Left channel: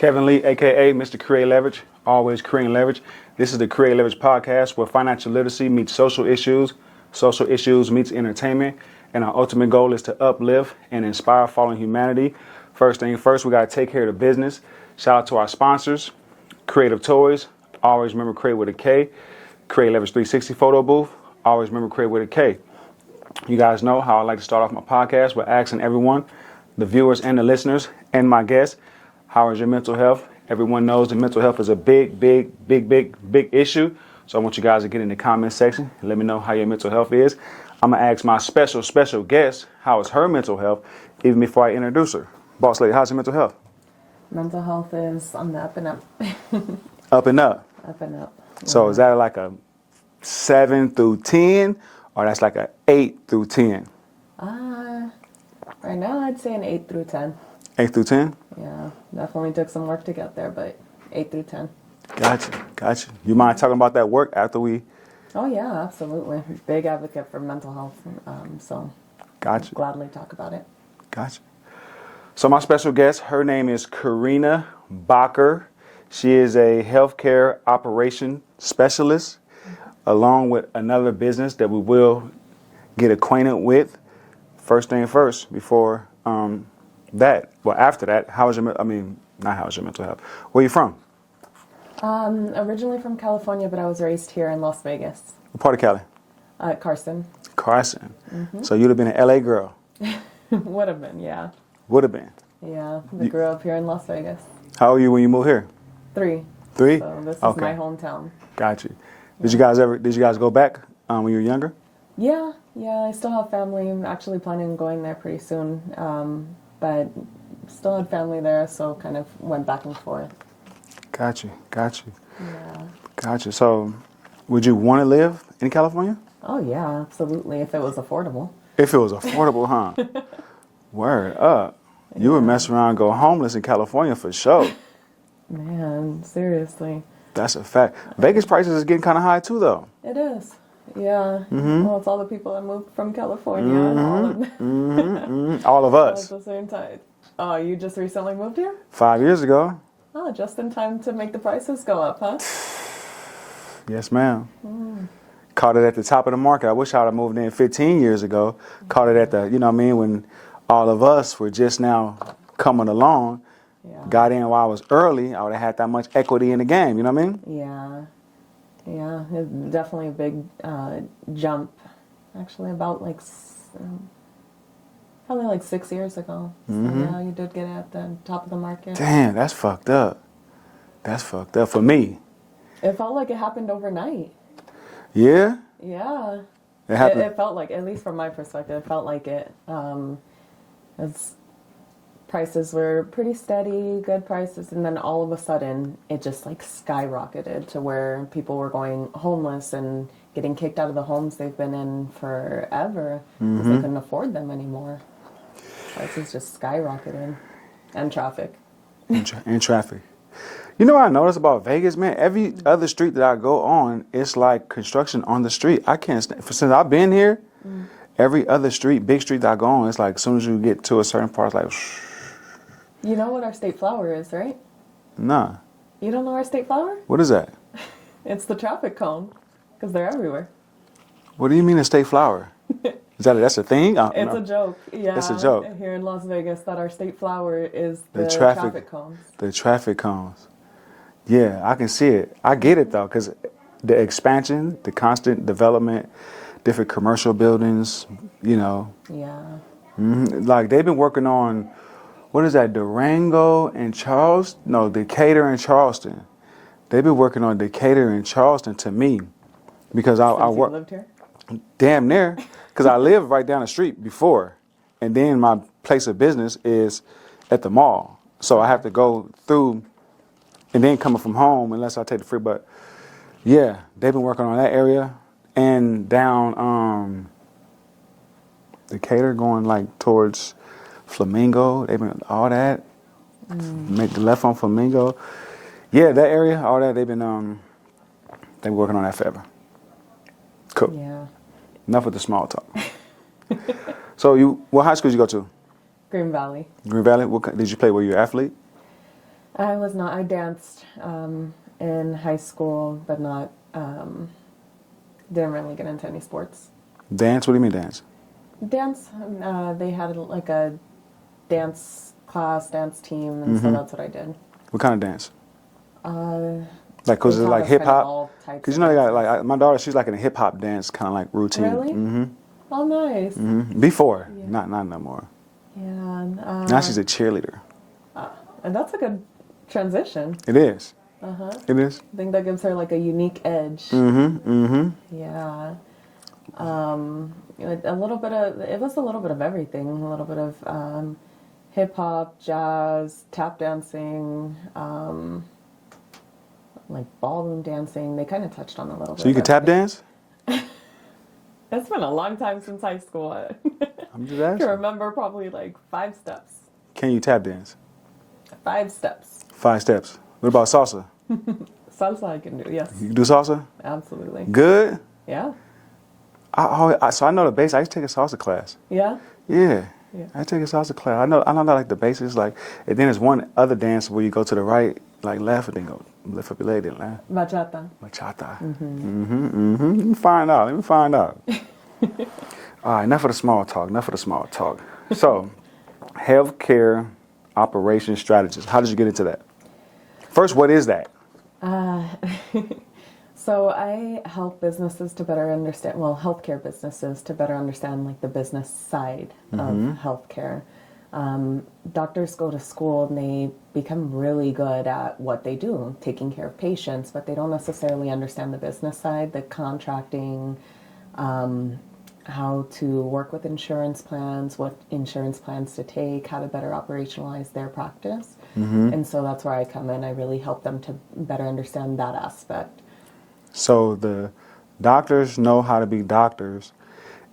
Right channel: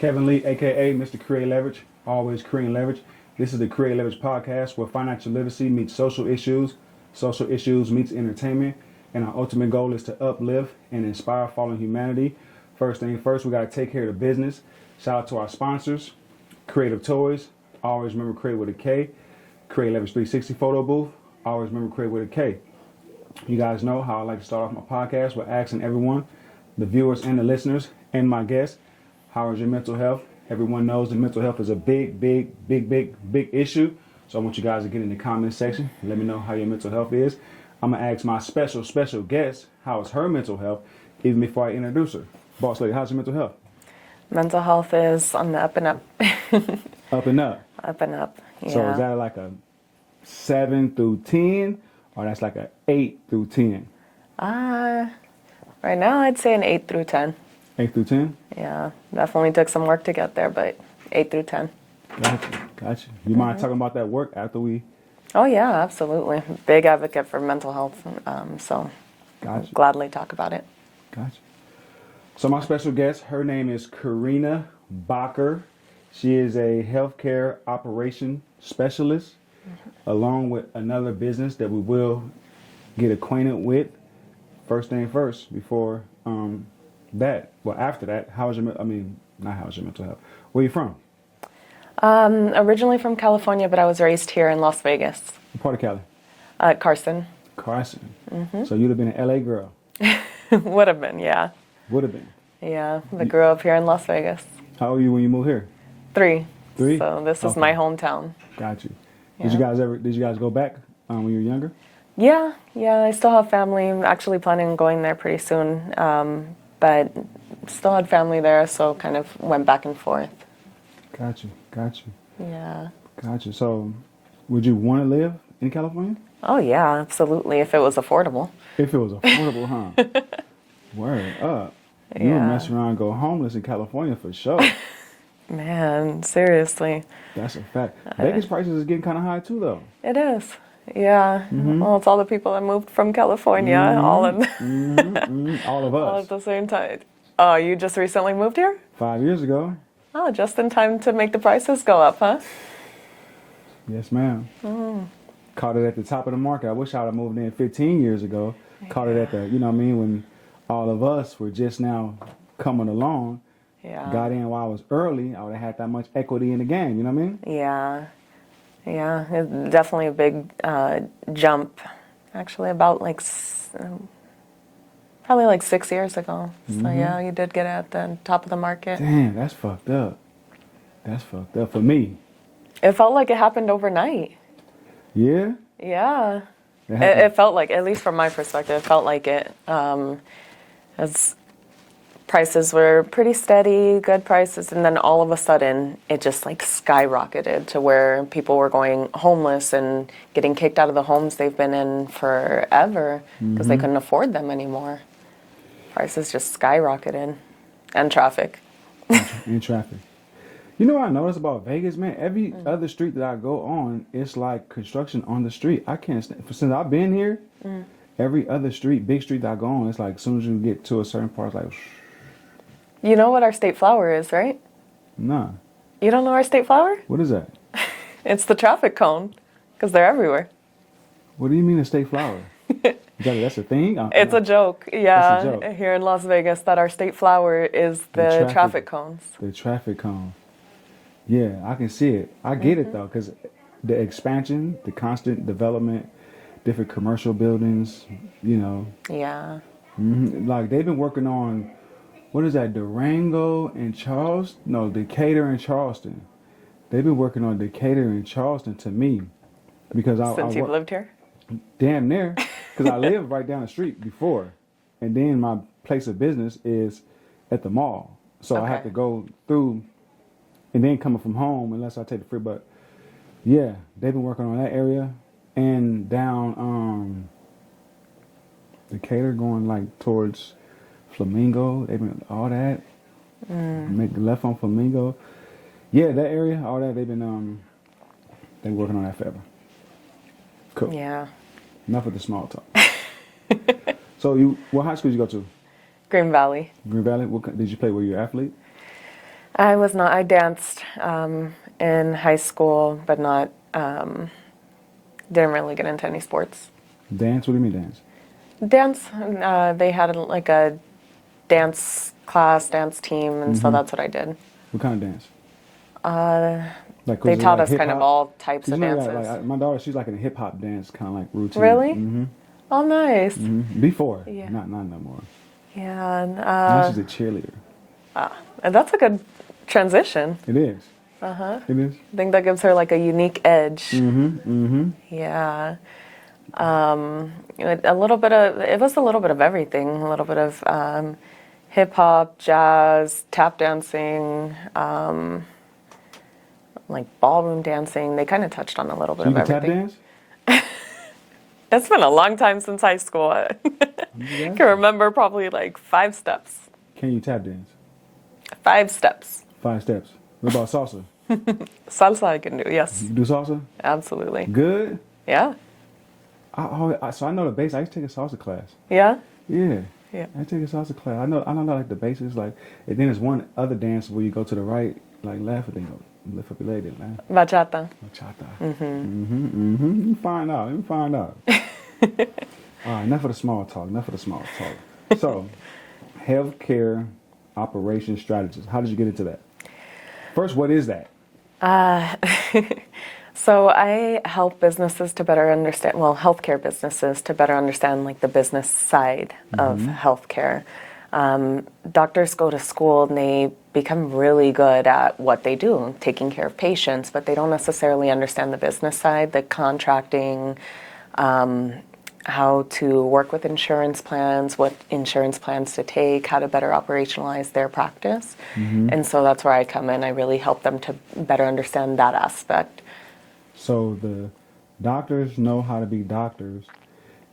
Kevin Lee, aka Mr. Kreate Leverage, always creating leverage. This is the Kreate Leverage Podcast, where financial literacy meets social issues meets entertainment, and our ultimate goal is to uplift and inspire fallen humanity. First thing first, we got to take care of the business. Shout out to our sponsors, Creative Toys. Always remember Create with a K. Kreate Leverage 360 photo booth. Always remember Create with a K. You guys know how I like to start off my podcast with asking everyone, the viewers and the listeners and my guests, how is your mental health? Everyone knows that mental health is a big issue. So I want you guys to get in the comment section and let me know how your mental health is. I'm going to ask my special guest, how is her mental health, even before I introduce her. Boss lady, how's your mental health? Mental health is on the up and up. Up and up? Up and up. Yeah. So is that like a 7 through 10 or that's like a 8 through 10? Right now I'd say an 8 through 10. 8 through 10? Yeah, definitely took some work to get there, but 8 through 10. Gotcha. You mind talking about that work after we? Oh yeah, absolutely. Big advocate for mental health, so Gotcha. Gladly talk about it. Gotcha. So my special guest, her name is Karina Bocker. She is a healthcare operation specialist, along with another business that we will get acquainted with. First thing first, before after that, not how's your mental health? Where are you from? Originally from California, but I was raised here in Las Vegas. What part of Cali? Carson. Carson. Mm-hmm. So you'd have been an LA girl. Would have been, yeah. Would have been. Yeah, I grew up here in Las Vegas. How old were you when you moved here? 3. 3? So this is my hometown. Got you. Yeah. Did you guys go back when you were younger? Yeah, I still have family. I'm actually planning on going there pretty soon, but still had family there, so kind of went back and forth. Got you. Yeah. Got you. So would you want to live in California? Oh, yeah, absolutely, if it was affordable. If it was affordable, huh? Word up. You would mess around and go homeless in California for sure. Man, seriously. That's a fact. Vegas prices is getting kind of high too, though. It is. Yeah. Mm-hmm. Well, it's all the people that moved from California, all of them. All of us. All at the same time. Oh, you just recently moved here? 5 years ago. Oh, just in time to make the prices go up, huh? Yes, ma'am. Caught it at the top of the market. I wish I would have moved in 15 years ago. Caught it at the, when all of us were just now coming along. Yeah. Got in while I was early, I would have had that much equity in the game, you know what I mean? Yeah, it's definitely a big jump. Actually, about probably 6 years ago. So yeah, you did get at the top of the market. Damn, that's fucked up. That's fucked up for me. It felt like it happened overnight. Yeah? Yeah. It felt like, at least from my perspective, it felt like it. As prices were pretty steady, good prices, and then all of a sudden it just skyrocketed to where people were going homeless and getting kicked out of the homes they've been in forever because they couldn't afford them anymore. Prices just skyrocketed. And traffic. And traffic. You know what I noticed about Vegas, man? Every other street that I go on, it's like construction on the street. I can't stand, since I've been here, every other street, big street that I go on, it's like as soon as you get to a certain part, it's like You know what our state flower is, right? Nah. You don't know our state flower? What is that? It's the traffic cone, because they're everywhere. What do you mean a state flower? That's a thing? It's a joke, yeah. It's a joke. Here in Las Vegas, that our state flower is the traffic cones. The traffic cones. Yeah, I can see it. I get it, though, because the expansion, the constant development, different commercial buildings, Yeah. Like, they've been working on, what is that, Durango and Charleston? No, Decatur and Charleston. They've been working on Decatur and Charleston to me because Since you've lived here? Damn near, because I lived right down the street before, and then my place of business is at the mall. So I have to go through, and then coming from home, unless I take the free. But yeah, they've been working on that area and down Decatur, going towards Flamingo. They've been all that. Make the left on Flamingo. Yeah, that area, all that. They've been working on that forever. Cool. Yeah. Enough with the small talk. So what high school did you go to? Green Valley. Green Valley? Did you play? Were you an athlete? I was not. I danced in high school, but not. Didn't really get into any sports. Dance? What do you mean dance? Dance. They had like a dance class, dance team, and so that's what I did. What kind of dance? Like, They was it taught like us hip kind of hop? all types of You know, dances. like my daughter, she's like in a hip hop dance kind of like routine. Really? Mm-hmm. Oh, nice. Before, Yeah. not no more. Yeah. And, Now she's a cheerleader. and that's a good transition. It is. It is. I think that gives her like a unique edge. Yeah. A little bit of, it was a little bit of everything. A little bit of hip hop, jazz, tap dancing, like ballroom dancing. They kind of touched on a little bit So you of can tap everything. dance? It's been a long time since high school. I I'm just can asking. remember probably like 5 steps. Can you tap dance? 5 steps. 5 steps. What about salsa? Salsa I can do, yes. You can do salsa? Absolutely. Good? Yeah. So I know the basics. I used to take a salsa class. Yeah? Yeah. Yeah. I take a salsa class. I know like the basics. Like, and then there's one other dance where you go to the right, like left, and then go lift up your leg, then left. Bachata. Bachata. Let me find out. All right, enough of the small talk. So, healthcare operations strategist. How did you get into that? First, what is that? So I help businesses to better understand, well, healthcare businesses to better understand like the business side of healthcare. Doctors go to school and they become really good at what they do, taking care of patients, but they don't necessarily understand the business side, the contracting, how to work with insurance plans, what insurance plans to take, how to better operationalize their practice. And so that's where I come in. I really help them to better understand that aspect. So the doctors know how to be doctors,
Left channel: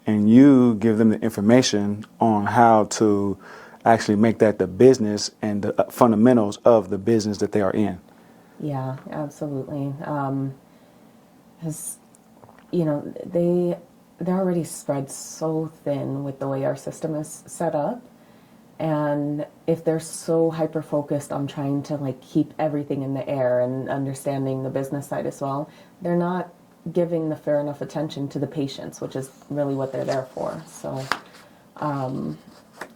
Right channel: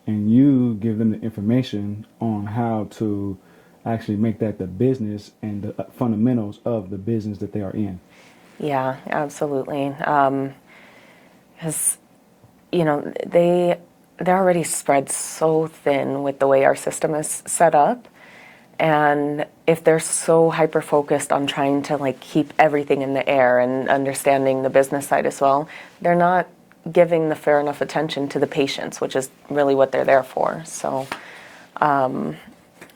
and you give them the information on how to actually make that the business and the fundamentals of the business that they are in. Yeah, absolutely. Because, you know, they're already spread so thin with the way our system is set up. And if they're so hyper-focused on trying to like keep everything in the air and understanding the business side as well, they're not giving the fair enough attention to the patients, which is really what they're there for. So,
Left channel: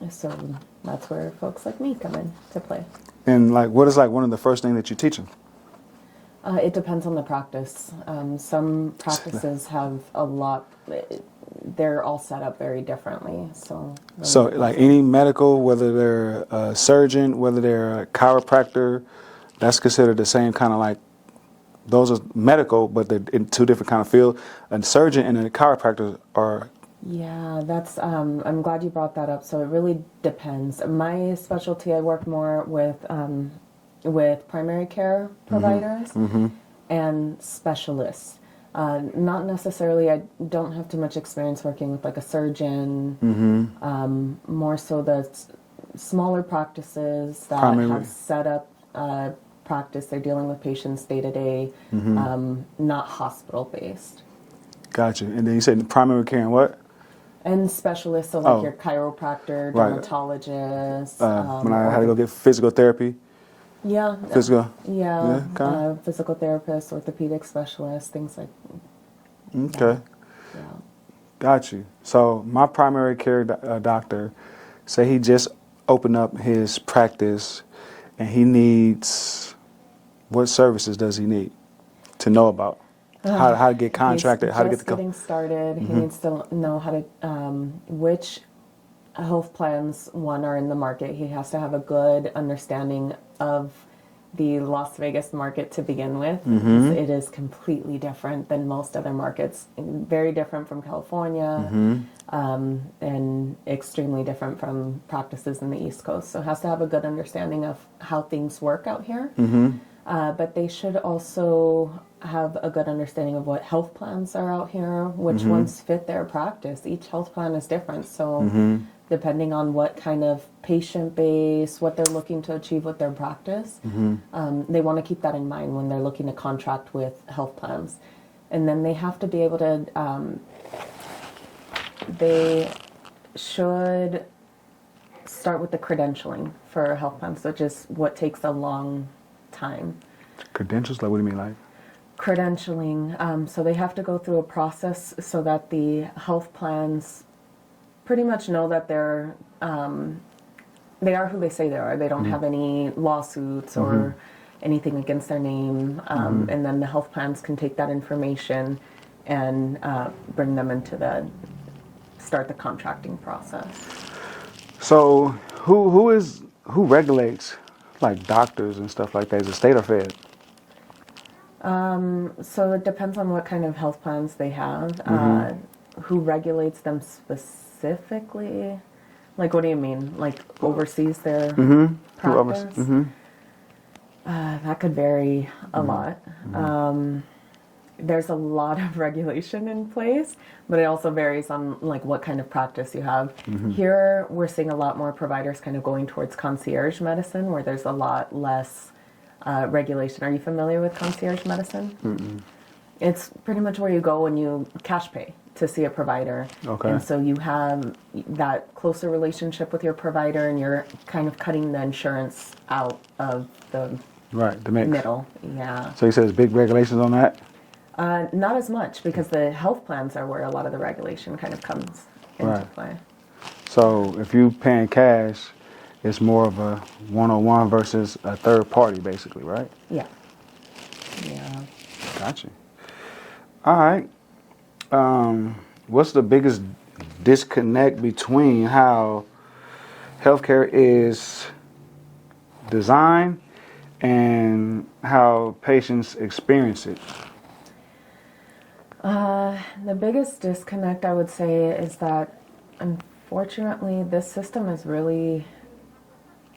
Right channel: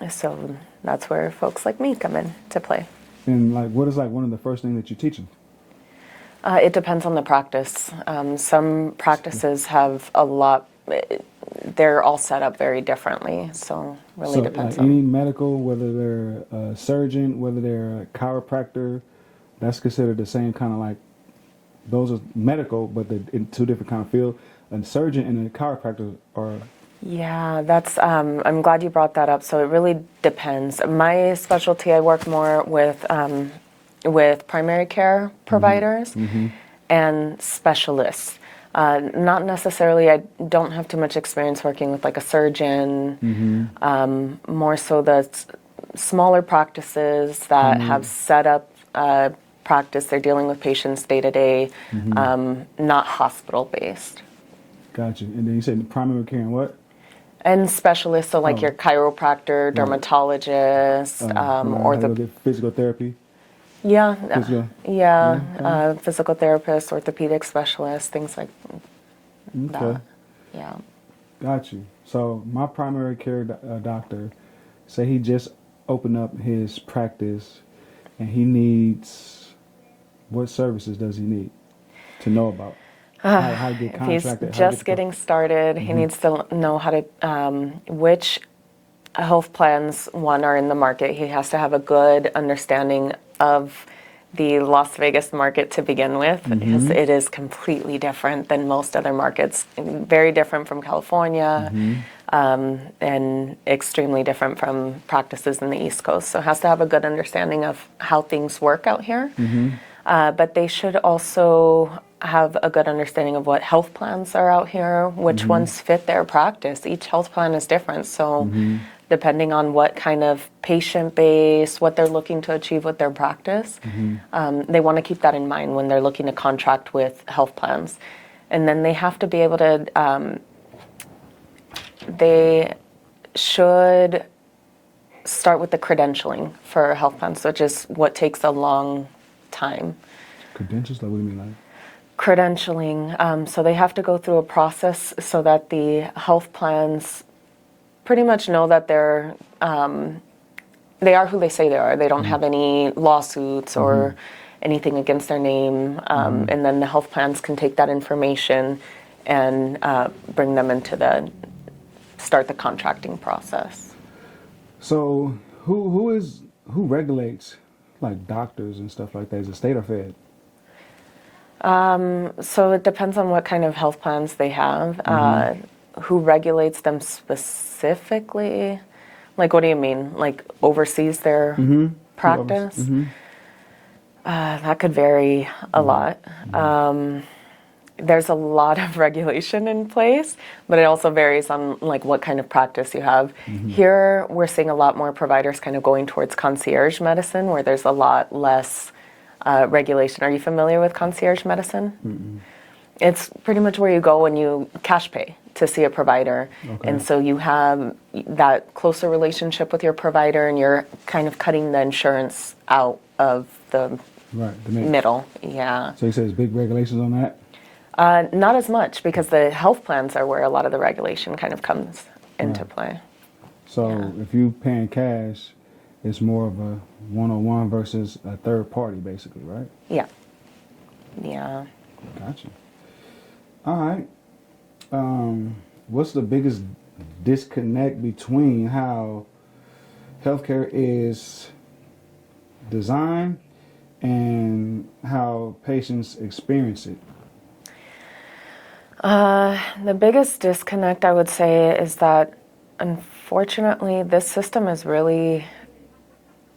so that's where folks like me come in to play. And like, what is like one of the first things that you teach them? It depends on the practice. Some practices have a lot. They're all set up very differently, so really So depends like on- any medical, whether they're a surgeon, whether they're a chiropractor, that's considered the same kind of like, those are medical, but they're in 2 different kind of fields. A surgeon and a chiropractor are. Yeah, that's. I'm glad you brought that up. So it really depends. My specialty, I work more with primary care providers and specialists. Not necessarily. I don't have too much experience working with like a surgeon. More so the smaller practices that have set up practice. They're dealing with patients day to day, not hospital based. Gotcha. And then you said primary care and what? And specialists, so like Oh. your chiropractor, dermatologist, When I had to go get physical therapy. yeah, Physical. yeah, okay. physical therapist, orthopedic specialist, things like Okay. that. Yeah. Got you. So my primary care doctor, say he just opened up his practice, and he needs, what services does he need to know about? How to get contracted? He's how to just get the getting started. He needs to know how to which health plans one are in the market. He has to have a good understanding of the Las Vegas market to begin with, because it is completely different than most other markets. Very different from California, and extremely different from practices in the East Coast. So has to have a good understanding of how things work out here. But they should also have a good understanding of what health plans are out here, which ones fit their practice. Each health plan is different. So depending on what kind of patient base, what they're looking to achieve with their practice, they want to keep that in mind when they're looking to contract with health plans. And then they have to be able to, they should start with the credentialing for health plans, which is what takes a long time. Credentials? Like, what do you mean, like? Credentialing. So they have to go through a process so that the health plans pretty much know that they are who they say they are. They don't have any lawsuits or anything against their name. And then the health plans can take that information and bring them into start the contracting process. So who regulates like doctors and stuff like that? Is it state or fed? So it depends on what kind of health plans they have. Who regulates them specifically? Like, what do you mean? Like, oversees their practice? That could vary a lot. There's a lot of regulation in place, but it also varies on like what kind of practice you have. Here, we're seeing a lot more providers kind of going towards concierge medicine, where there's a lot less regulation. Are you familiar with concierge medicine? It's pretty much where you go when you cash pay to see a provider. Okay. And so you have that closer relationship with your provider, and you're kind of cutting the insurance out of the mix. middle. Yeah. So he says big regulations on that? Not as much, because the health plans are where a lot of the regulation kind of comes into play. So if you paying cash, it's more of a one-on-one versus a third party, basically, right? Yeah. Yeah. Gotcha. All right. What's the biggest disconnect between how healthcare is designed and how patients experience it? The biggest disconnect, I would say, is that unfortunately this system is really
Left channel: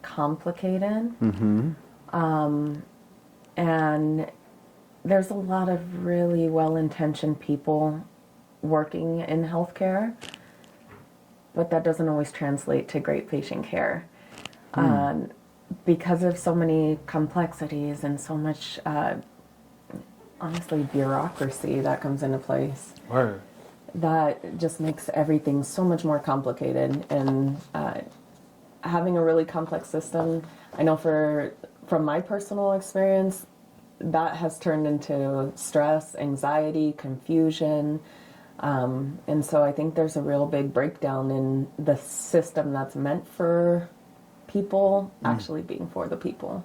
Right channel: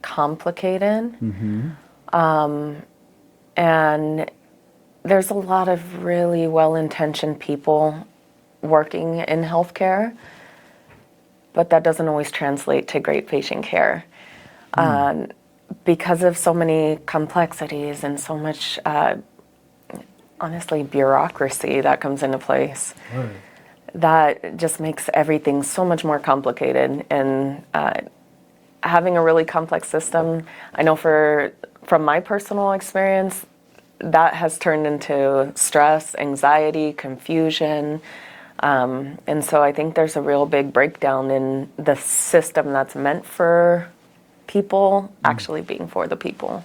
complicated. And there's a lot of really well-intentioned people working in healthcare, but that doesn't always translate to great patient care. Because of so many complexities and so much, honestly, bureaucracy that comes into place. Right. That just makes everything so much more complicated. And having a really complex system, I know from my personal experience, that has turned into stress, anxiety, confusion. And so I think there's a real big breakdown in the system that's meant for people actually being for the people.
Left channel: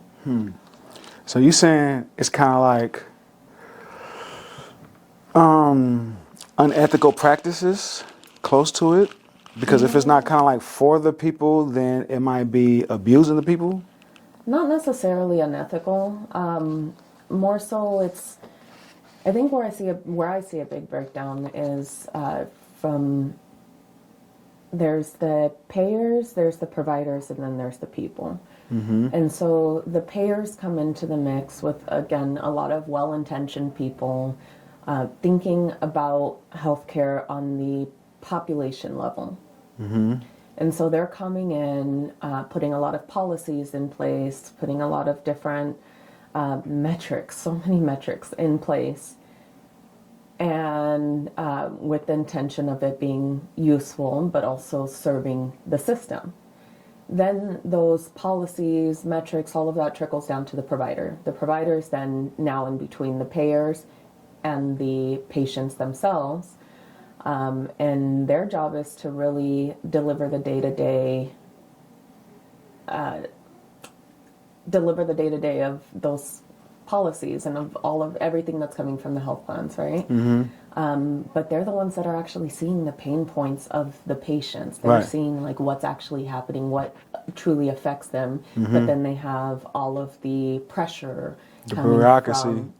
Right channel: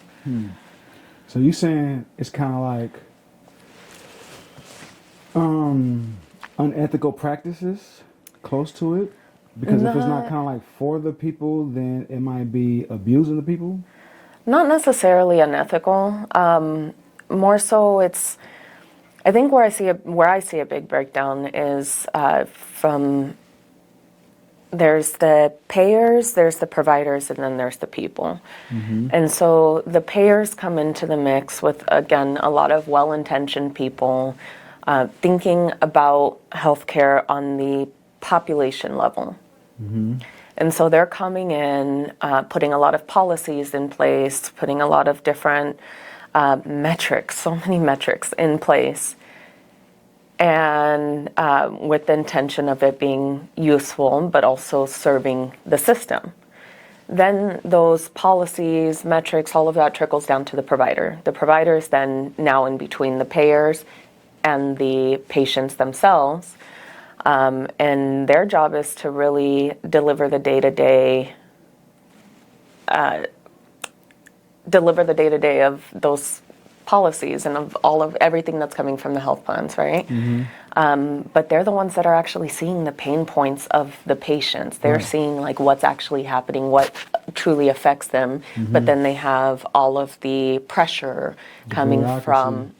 So you saying it's kind of like unethical practices close to it? Because if it's not kind of like for the people, then it might be abusing the people? Not necessarily unethical. More so, I think where I see a big breakdown is from there's the payers, there's the providers, and then there's the people. And so the payers come into the mix with, again, a lot of well-intentioned people thinking about healthcare on the population level. And so they're coming in, putting a lot of policies in place, putting a lot of different metrics, so many metrics in place, and with the intention of it being useful, but also serving the system. Then those policies, metrics, all of that trickles down to the provider. The provider is then now in between the payers and the patients themselves. And their job is to really deliver the day-to-day of those policies and of everything that's coming from the health plans, right? But they're the ones that are actually seeing the pain points of the patients. They're seeing like what's actually happening, what truly affects them. But then they have all of the pressure coming from.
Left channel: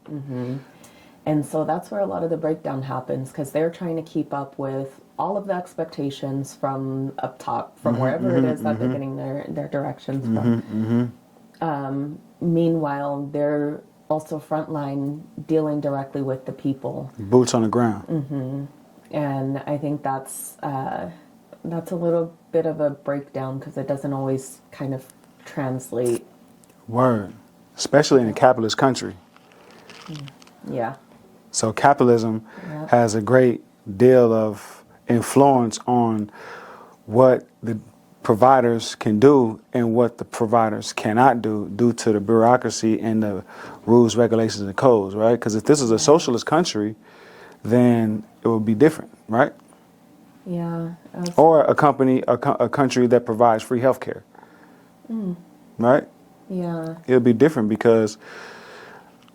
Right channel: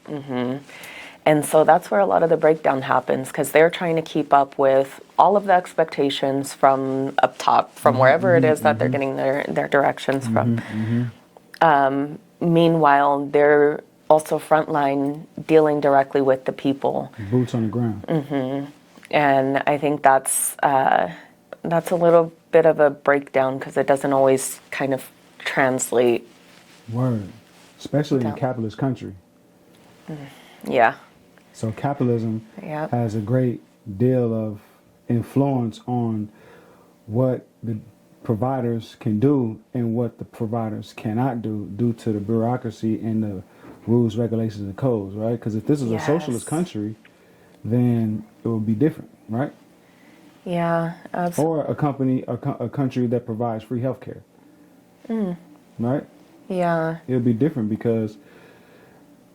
And so that's where a lot of the breakdown happens, because they're trying to keep up with all of the expectations from up top, from wherever it is that they're getting their directions from. Meanwhile, they're also frontline dealing directly with the people. Boots on the ground. And I think that's a little bit of a breakdown, because it doesn't always kind of translate. Word. Especially in a capitalist country. Yeah. So capitalism has a great deal of influence on what the providers can do and what the providers cannot do due to the bureaucracy and the rules, regulations, and codes, right? Because if this is a socialist country, then it would be different, right? Yeah. Or a country that provides free healthcare, right? Yeah. It would be different because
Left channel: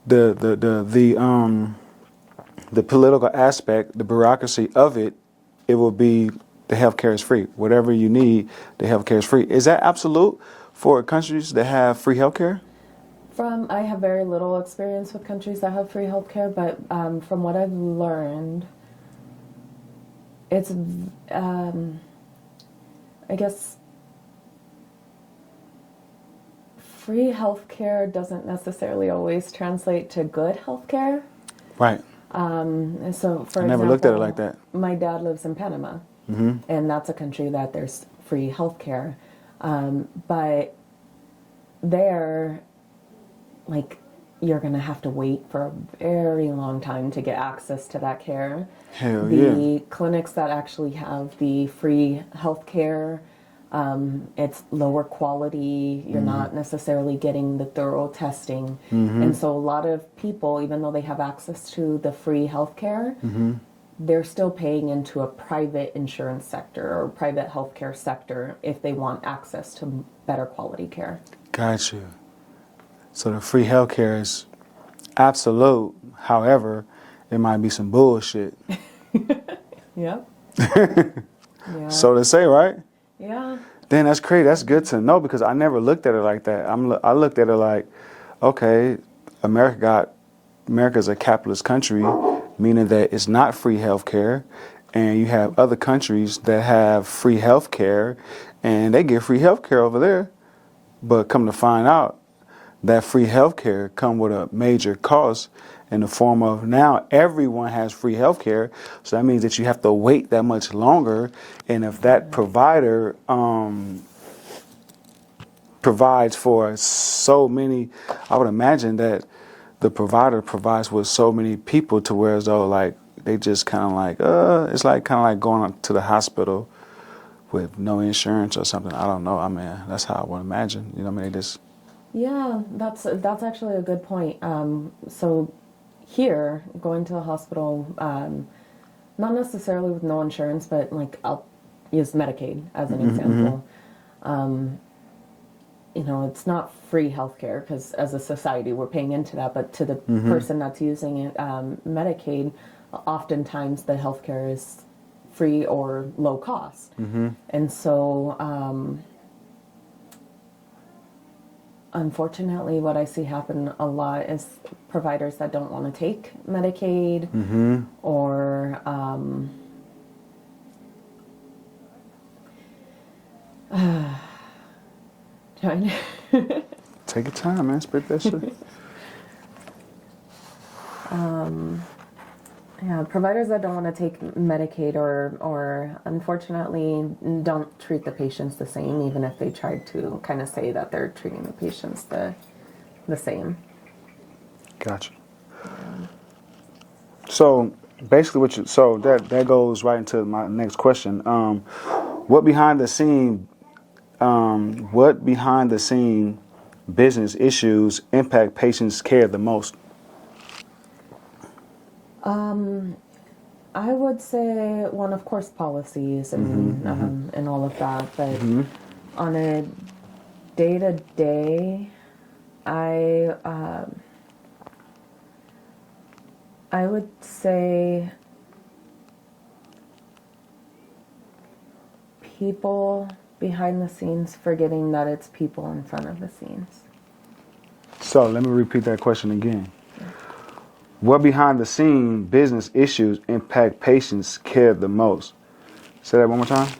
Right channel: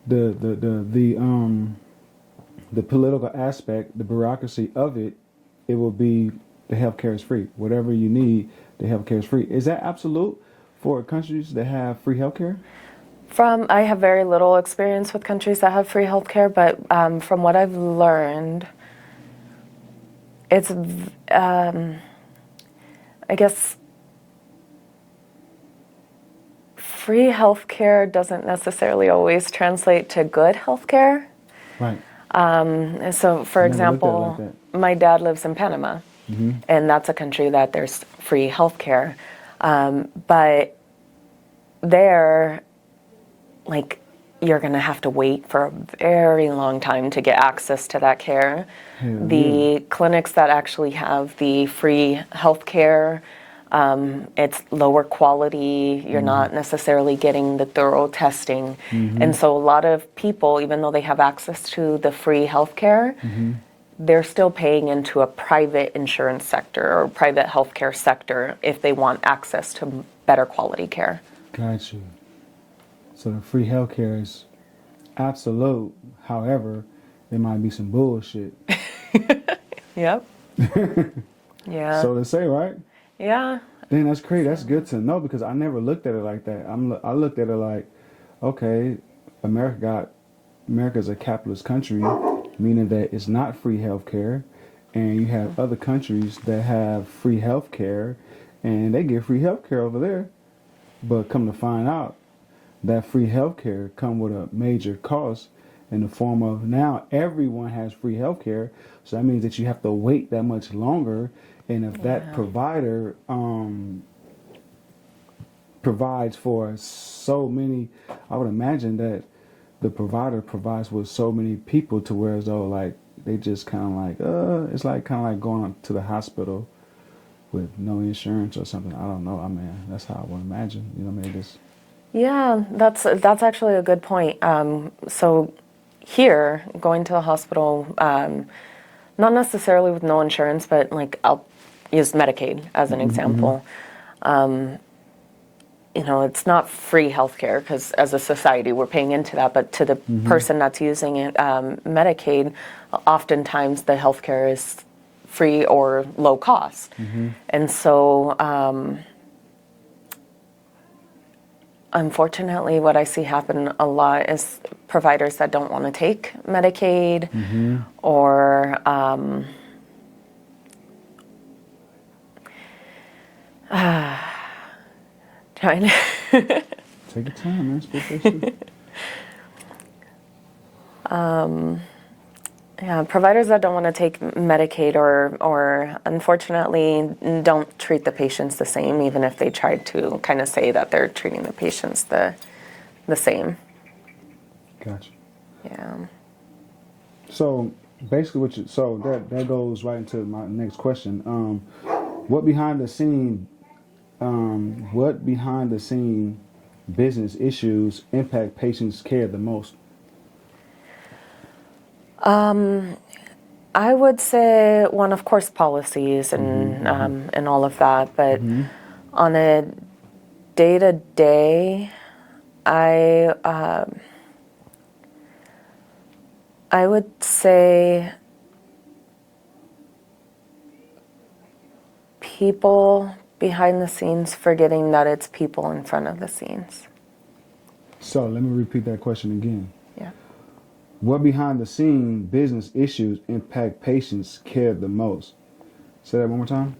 the political aspect, the bureaucracy of it, it will be the healthcare is free. Whatever you need, the healthcare is free. Is that absolute for countries that have free healthcare? I have very little experience with countries that have free healthcare, but from what I've learned, it's, I guess, free healthcare doesn't necessarily always translate to good healthcare. Right. So, for Never looked at it example, like that. my dad lives in Panama, and that's a country that there's free healthcare, but there, like, you're going to have to wait for a very long time to get access to that care. Hell The yeah. clinics that actually have the free health care, it's lower quality. You're not necessarily getting the thorough testing. And so a lot of people, even though they have access to the free health care, they're still paying into a private insurance sector or private healthcare sector if they want access to better quality care. Got you. So the free healthcare is absolute. However, it might be some bullshit. Yep. Yeah. So to say, right? Yeah. Then that's crazy. That's good to know because I never looked at it like that. I looked at it like, okay, America's a capitalist country, meaning that it's not free healthcare, and you have other countries that have free healthcare, and they get free healthcare over there. But come to find out, that free healthcare come with a major cost in the form of now everyone has free healthcare, so that means that you have to wait that much longer. And if that provider provides for so many, I would imagine that the provider provides with so many people to where as though like they just kind of like it's like kind of like going to the hospital with no insurance or something. I don't know. I mean, that's how I would imagine. You know what I mean? Just Yeah, that's actually a good point. So here, going to the hospital, not necessarily with no insurance, but like I'll use Medicaid as an example. You know, it's not free healthcare because as a society we're paying into that, but to the person that's using it, Medicaid, oftentimes the healthcare is free or low cost. And so unfortunately, what I see happen a lot is providers that don't want to take Medicaid or trying to take your time, man. Spit that shit. yeah, providers that don't want to take Medicaid or unfortunately don't treat the patients the same, even if they try to kind of say that they're treating the patients the same. Gotcha. Yeah. So basically, that goes right into my next question. What behind the scene business issues impact patients' care the most? I would say one, of course, policies and all of that, but on a day-to-day, I would say people behind the scenes forgetting that it's people in front of the scenes. So let me repeat that question again. Yeah. What behind the scene business issues impact patients' care the most? Say that one more time.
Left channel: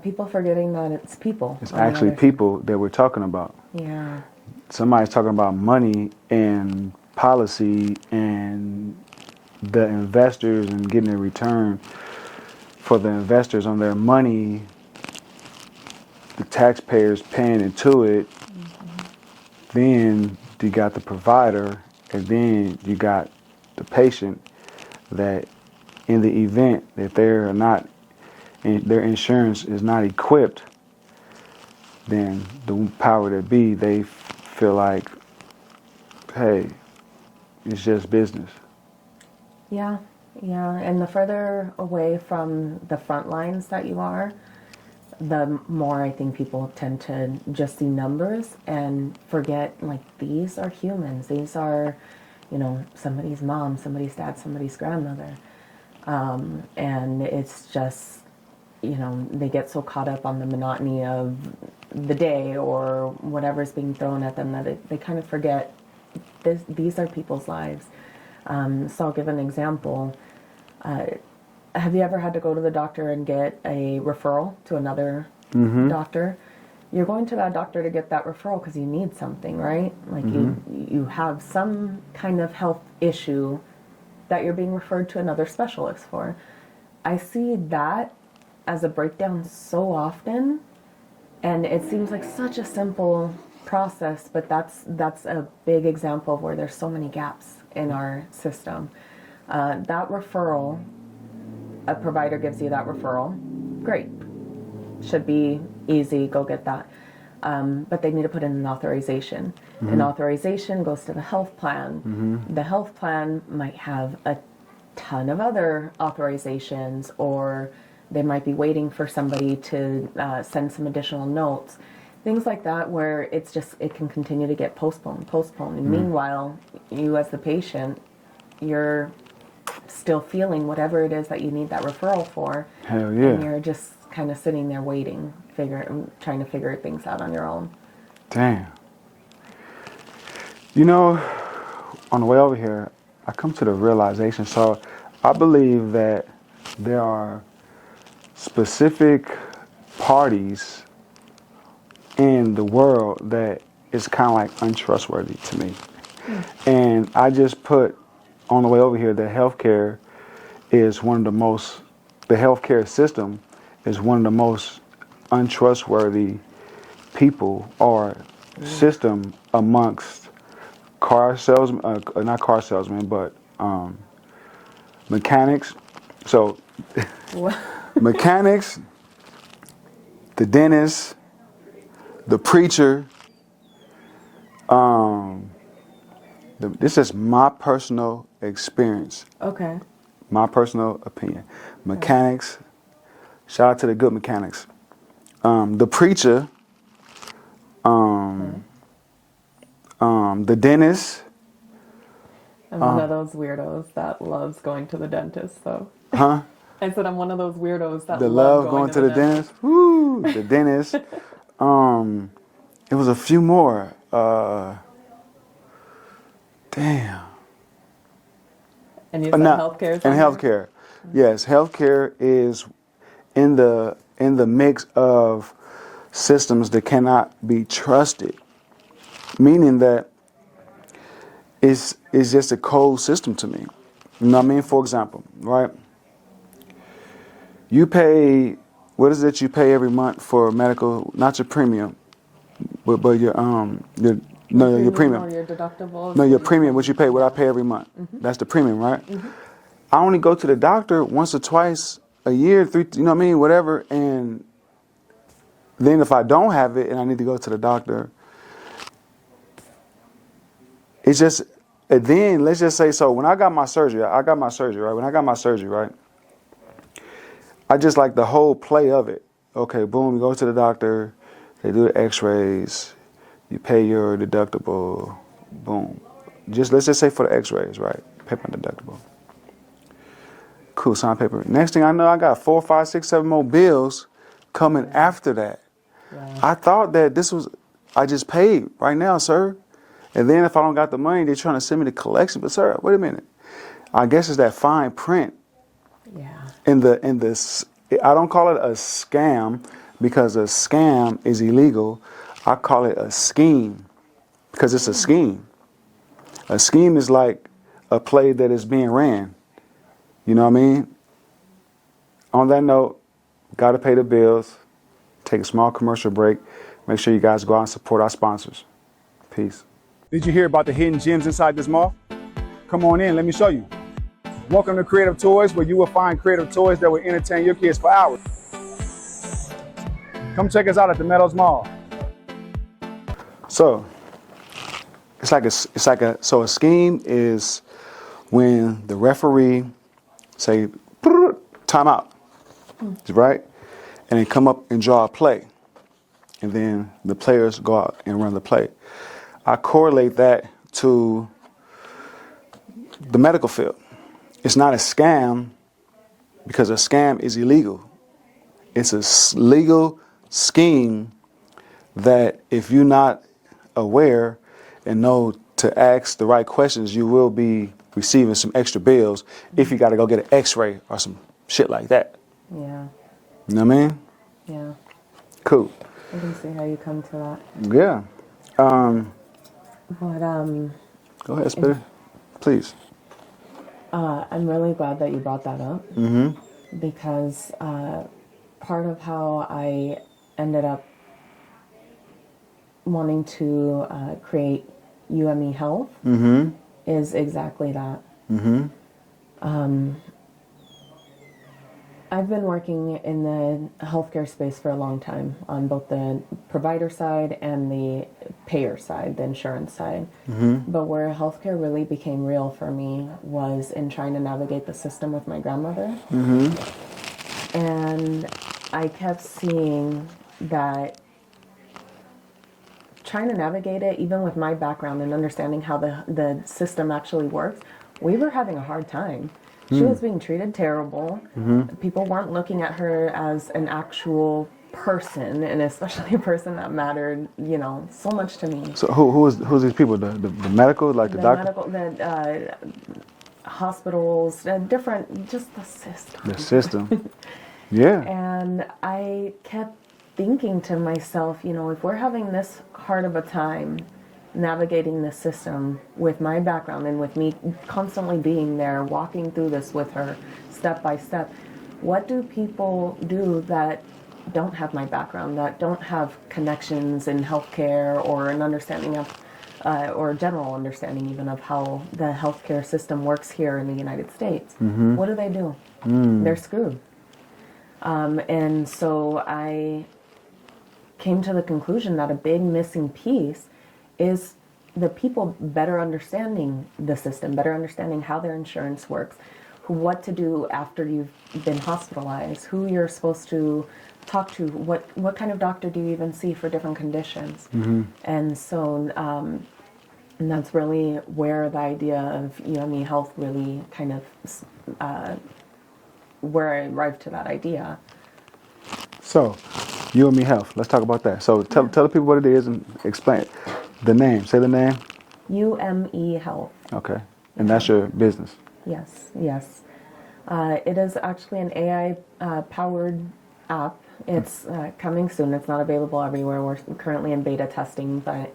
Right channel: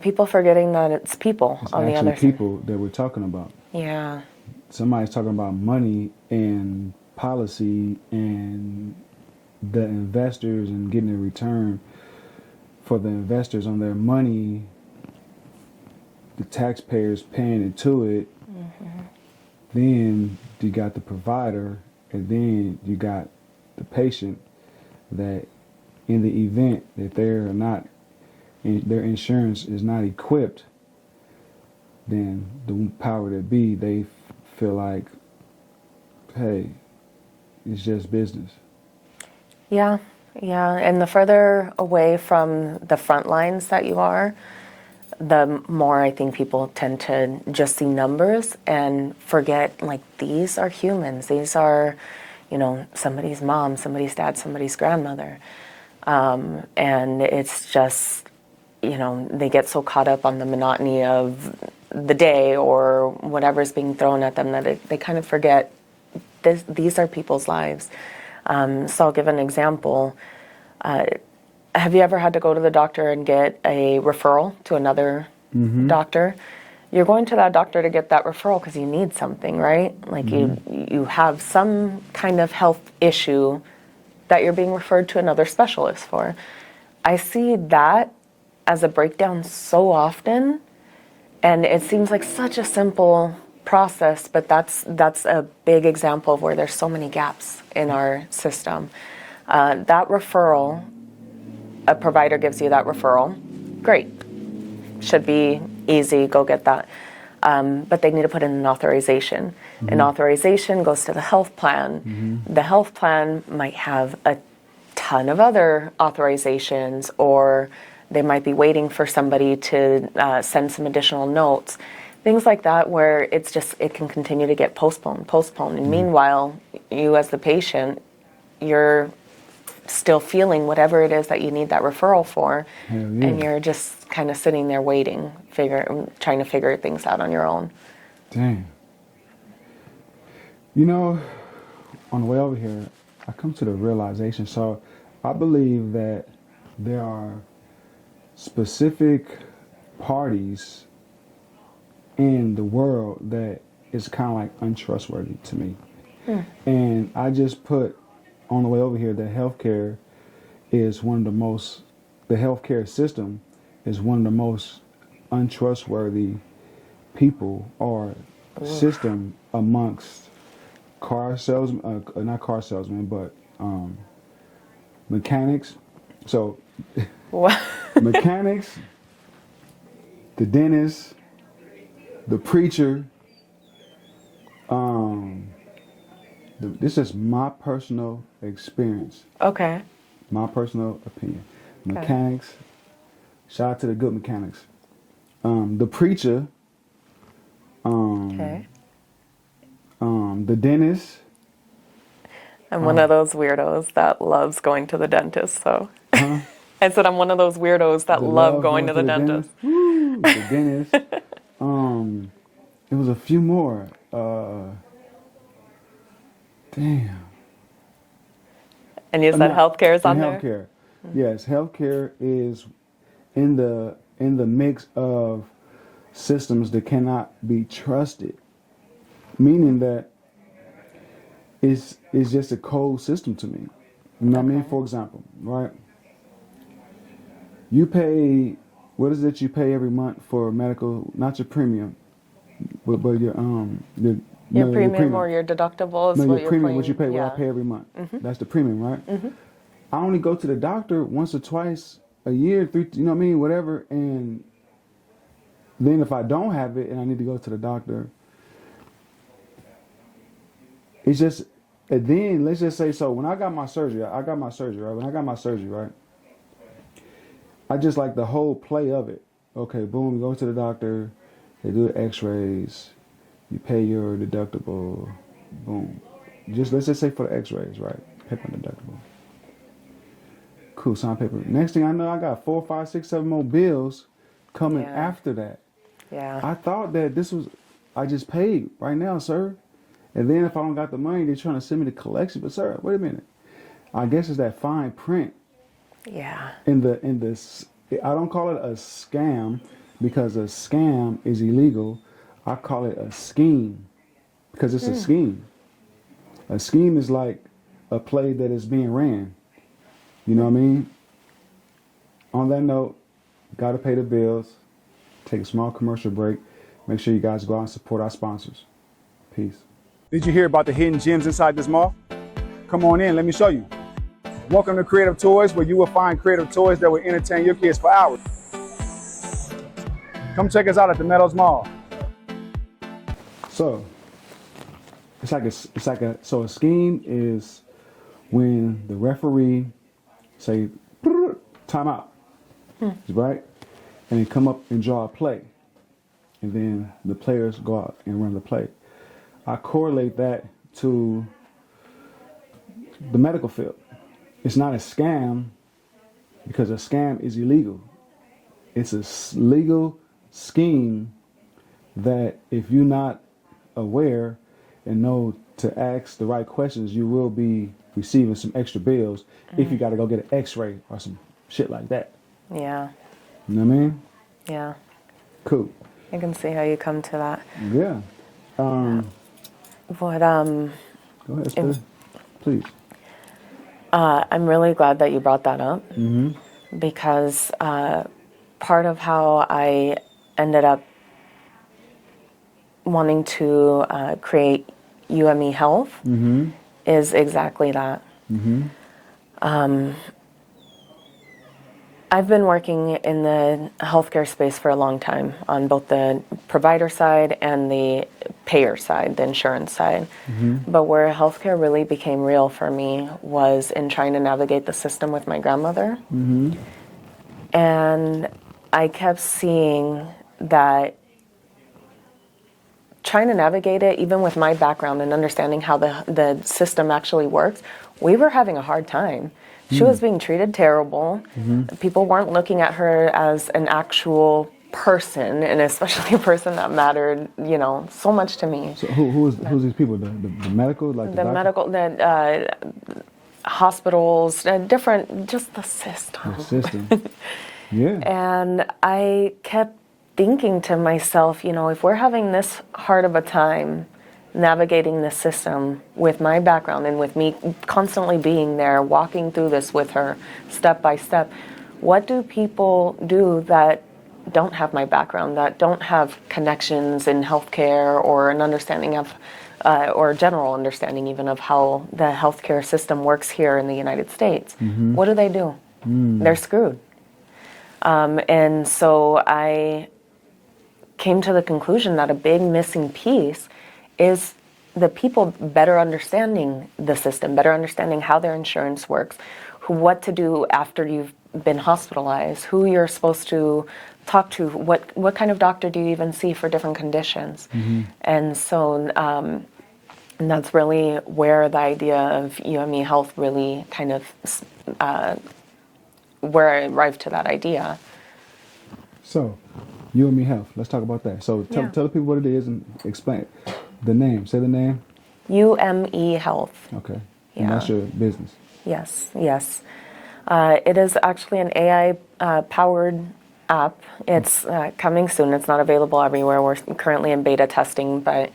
People forgetting that it's people. It's on the actually other people that we're talking about. Yeah. Somebody's talking about money and policy and the investors and getting a return for the investors on their money, the taxpayers paying into it. Then you got the provider, and then you got the patient that in the event that they're not their insurance is not equipped, then the power that be, they feel like, hey, it's just business. Yeah, and the further away from the front lines that you are, the more I think people tend to just see numbers and forget, like, these are humans. These are, somebody's mom, somebody's dad, somebody's grandmother. And it's just, they get so caught up on the monotony of the day or whatever's being thrown at them that they kind of forget these are people's lives. So I'll give an example. Have you ever had to go to the doctor and get a referral to another doctor? You're going to that doctor to get that referral because you need something, right? Like you have some kind of health issue that you're being referred to another specialist for. I see that as a breakdown so often, and it seems like such a simple process, but that's a big example of where there's so many gaps in our system. That referral, a provider gives you that referral, great. Should be easy, go get that. But they need to put in an authorization. An authorization goes to the health plan. The health plan might have a ton of other authorizations, or they might be waiting for somebody to send some additional notes. Things like that, where it can continue to get postponed. And meanwhile, you as the patient, you're still feeling whatever it is that you need that referral for. Hell yeah. And you're just kind of sitting there waiting, trying to figure things out on your own. Damn. On the way over here, I come to the realization. So I believe that there are specific parties in the world that is kind of like untrustworthy to me. And I just put on the way over here that healthcare is the healthcare system is one of the most untrustworthy people or system amongst car salesmen, not car salesmen, but mechanics. So mechanics, the dentist, the preacher. This is my personal experience. Okay. My personal opinion. Mechanics. Shout out to the good mechanics. The preacher. The dentist. I'm one of those weirdos that loves going to the dentist, so. Huh? I said I'm one of those weirdos that love going to the dentist. Woo, the dentist. It was a few more. Damn. And you said healthcare is on there? Healthcare. Yes, healthcare is in the mix of systems that cannot be trusted. Meaning that it's just a cold system to me. You know what I mean? For example, right? You pay, what is it you pay every month for medical, not your premium, but your premium or your deductible. No, your premium, what you pay, what I pay every month. That's the premium, right? I only go to the doctor once or twice a year, you know what I mean, whatever. And then if I don't have it and I need to go to the doctor, it's just, and then let's just say, so when I got my surgery, right? When I got my surgery, right? I just like the whole play of it. Okay, boom, you go to the doctor, they do the x-rays, you pay your deductible, boom. Let's just say for the x-rays, right? Pay my deductible. Cool, sign paper. Next thing I know, I got 4, 5, 6, 7 more bills coming after that. Yeah. I thought that I just paid right now, sir. And then if I don't got the money, they're trying to send me the collection. But sir, wait a minute. I guess it's that fine print. Yeah. In this, I don't call it a scam because a scam is illegal. I call it a scheme because it's a scheme. A scheme is like a play that is being ran. You know what I mean? On that note, got to pay the bills, take a small commercial break. Make sure you guys go out and support our sponsors. Peace. Did you hear about the hidden gems inside this mall? Come on in, let me show you. Welcome to Creative Toys, where you will find creative toys that will entertain your kids for hours. Come check us out at the Meadows Mall. So a scheme is when the referee say timeout, right, and then come up and draw a play, and then the players go out and run the play. I correlate that to the medical field. It's not a scam because a scam is illegal. It's a legal scheme that if you're not aware and know to ask the right questions, you will be receiving some extra bills if you got to go get an x-ray or some shit like that. Yeah. You know what I mean? Yeah. Cool. I can see how you come to that. Yeah. What, Go ahead, Spitter. Please. I'm really glad that you brought that up because part of how I ended up wanting to create UME Health is exactly that. I've been working in the healthcare space for a long time on both the provider side and the payer side, the insurance side. But where healthcare really became real for me was in trying to navigate the system with my grandmother. And I kept seeing that trying to navigate it, even with my background and understanding how the system actually works, we were having a hard time. She was being treated terrible. People weren't looking at her as an actual person, and especially a person that mattered, you know, so much to me. So who's these people? The medical, like the doctor? Medical, the hospitals, different, just the system. The system. Yeah. And I kept thinking to myself, you know, if we're having this hard of a time navigating the system with my background and with me constantly being there, walking through this with her step by step, what do people do that don't have my background, that don't have connections in healthcare or an understanding of, or general understanding even of how the healthcare system works here in the United States? What do? They're screwed. And so I came to the conclusion that a big missing piece is the people better understanding the system, better understanding how their insurance works, what to do after you've been hospitalized, who you're supposed to talk to, what kind of doctor do you even see for different conditions. And so and that's really where the idea of UME Health really kind of, where I arrived to that idea. So, UME Health, let's talk about that. So tell the people what it is and explain it. The name, say the name. UME Health. Okay, and that's your business. Yes. It is actually an AI-powered app. It's coming soon. It's not available everywhere. We're currently in beta testing, but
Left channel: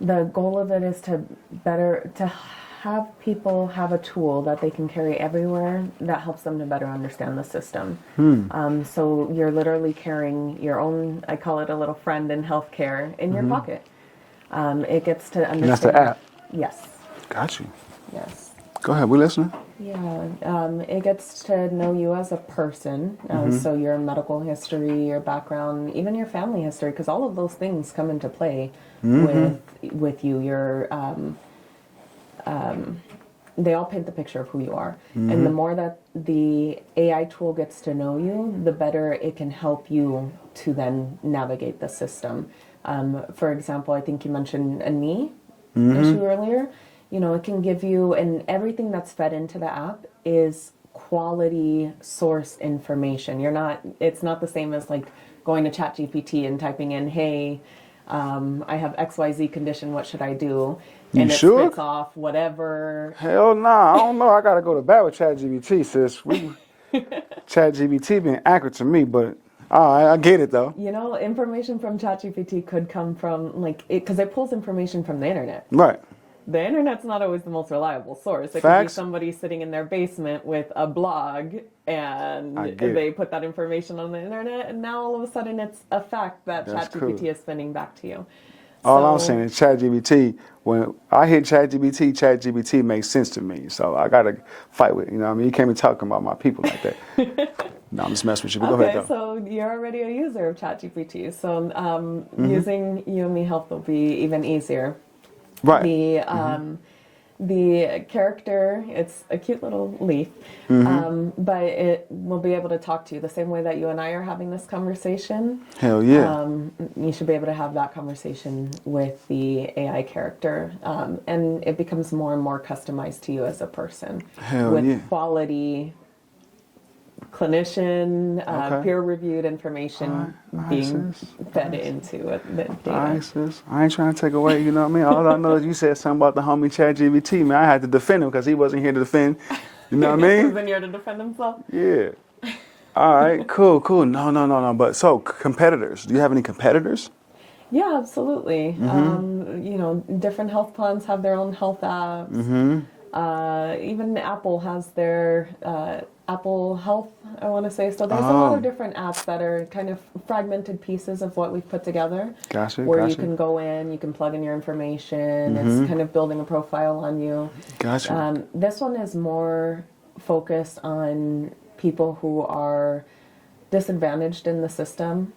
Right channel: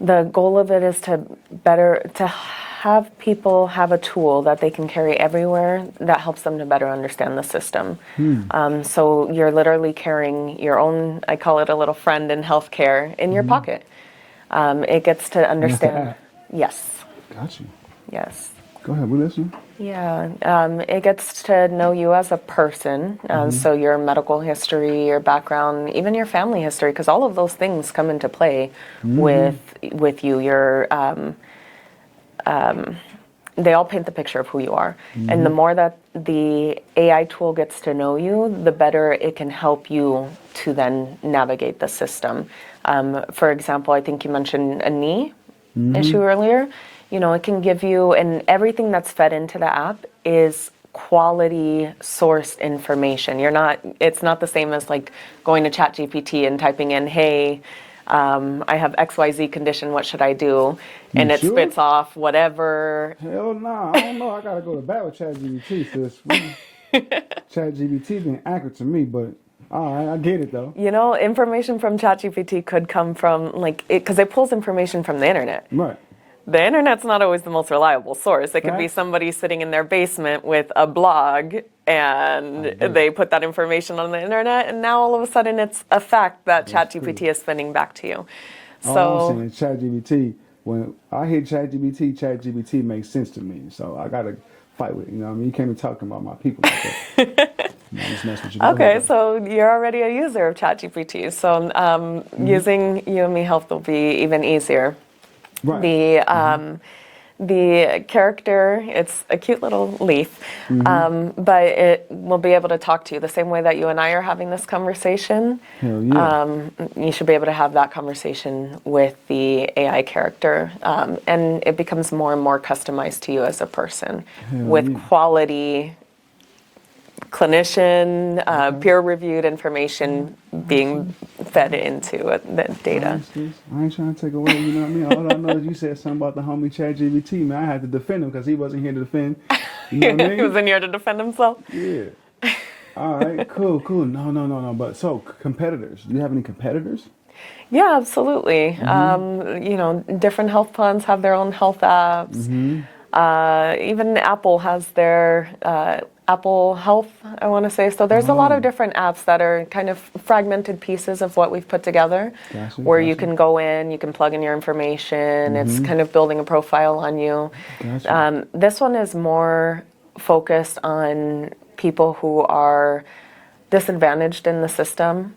the goal of it is to have people have a tool that they can carry everywhere that helps them to better understand the system. So you're literally carrying your own, I call it a little friend in healthcare, in your pocket. It gets to understand. And that's the app? Yes. Got you. Yes. Go ahead, we're listening. Yeah, it gets to know you as a person, so your medical history, your background, even your family history, because all of those things come into play with you. Your they all paint the picture of who you are, and the more that the AI tool gets to know you, the better it can help you to then navigate the system. For example, I think you mentioned a knee issue earlier. You know, it can give you, and everything that's fed into the app is quality sourced information. It's not the same as like going to ChatGPT and typing in, hey, I have XYZ condition, what should I do? And it spits off whatever. Hell nah, I don't know. I got to go to bat with ChatGPT, sis. ChatGPT being accurate to me, but I get it though. You know, information from ChatGPT could come from, like, because it pulls information from the internet. Right. The internet's not always the most reliable source. It could be somebody sitting in their basement with a blog and they put that information on the internet, and now all of a sudden it's a fact that ChatGPT is spinning back to you. All I'm saying is ChatGPT, when I hear ChatGPT makes sense to me. So I got to fight with it. You know what I mean? You can't be talking about my people like that. No, I'm just messing with you. Go Okay, ahead, go. so you're already a user of ChatGPT, so using UME Health will be even easier. Right. The character, it's a cute little leaf, but it will be able to talk to you the same way that you and I are having this conversation. Hell yeah. You should be able to have that conversation with the AI character, and it becomes more and more customized to you as a person Hell with yeah. quality clinician, Okay. peer-reviewed information being fed into the All data. right, sis. I ain't trying to take away, you know what I mean? All I know is you said something about the homie ChatGPT, man. I had to defend him because he wasn't here to defend. You know what I He was mean? in here to defend himself. Yeah. All right, cool. No. But so, competitors. Do you have any competitors? Yeah, absolutely. Different health plans have their own health apps. Even Apple has their Apple Health, I want to say. So there's a lot of different apps that are kind of fragmented pieces of what we've put together. Gotcha, Where you gotcha. can go in, you can plug in your information. It's kind of building a profile on you. Gotcha. This one is more focused on people who are disadvantaged in the system.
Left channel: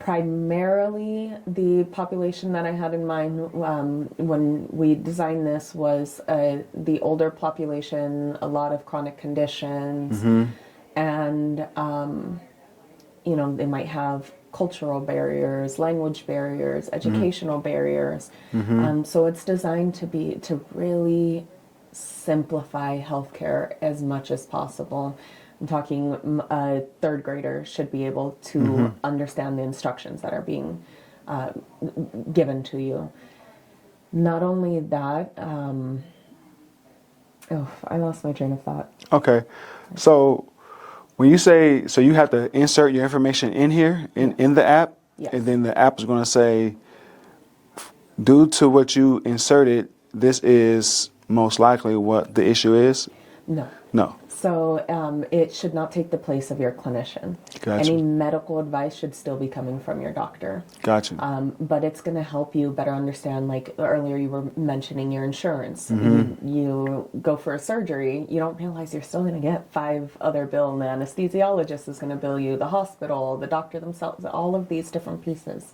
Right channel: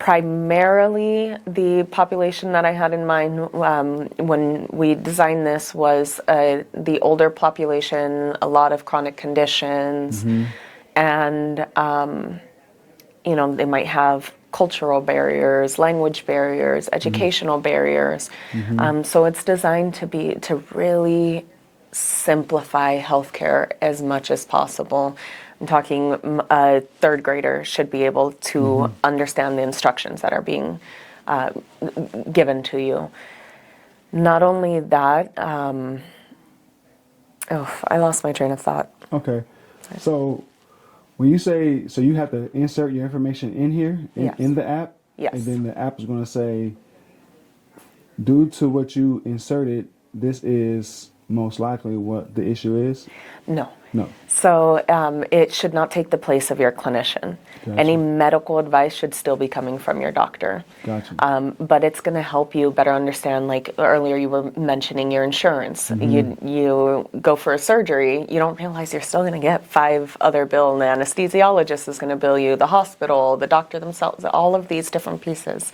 Primarily, the population that I had in mind when we designed this was the older population, a lot of chronic conditions, and they might have cultural barriers, language barriers, educational barriers. So it's designed to really simplify healthcare as much as possible. I'm talking a third grader should be able to understand the instructions that are being given to you. Not only that, I lost my train of thought. Okay. So, when you say, so you have to insert your information in here, in the app? Yes. And then the app is going to say, due to what you inserted, this is most likely what the issue is? No. No. So it should not take the place of your clinician. Gotcha. Any medical advice should still be coming from your doctor. Gotcha. But it's going to help you better understand, like earlier you were mentioning your insurance. You go for a surgery, you don't realize you're still going to get 5 other bills. The anesthesiologist is going to bill you, the hospital, the doctor themselves, all of these different pieces.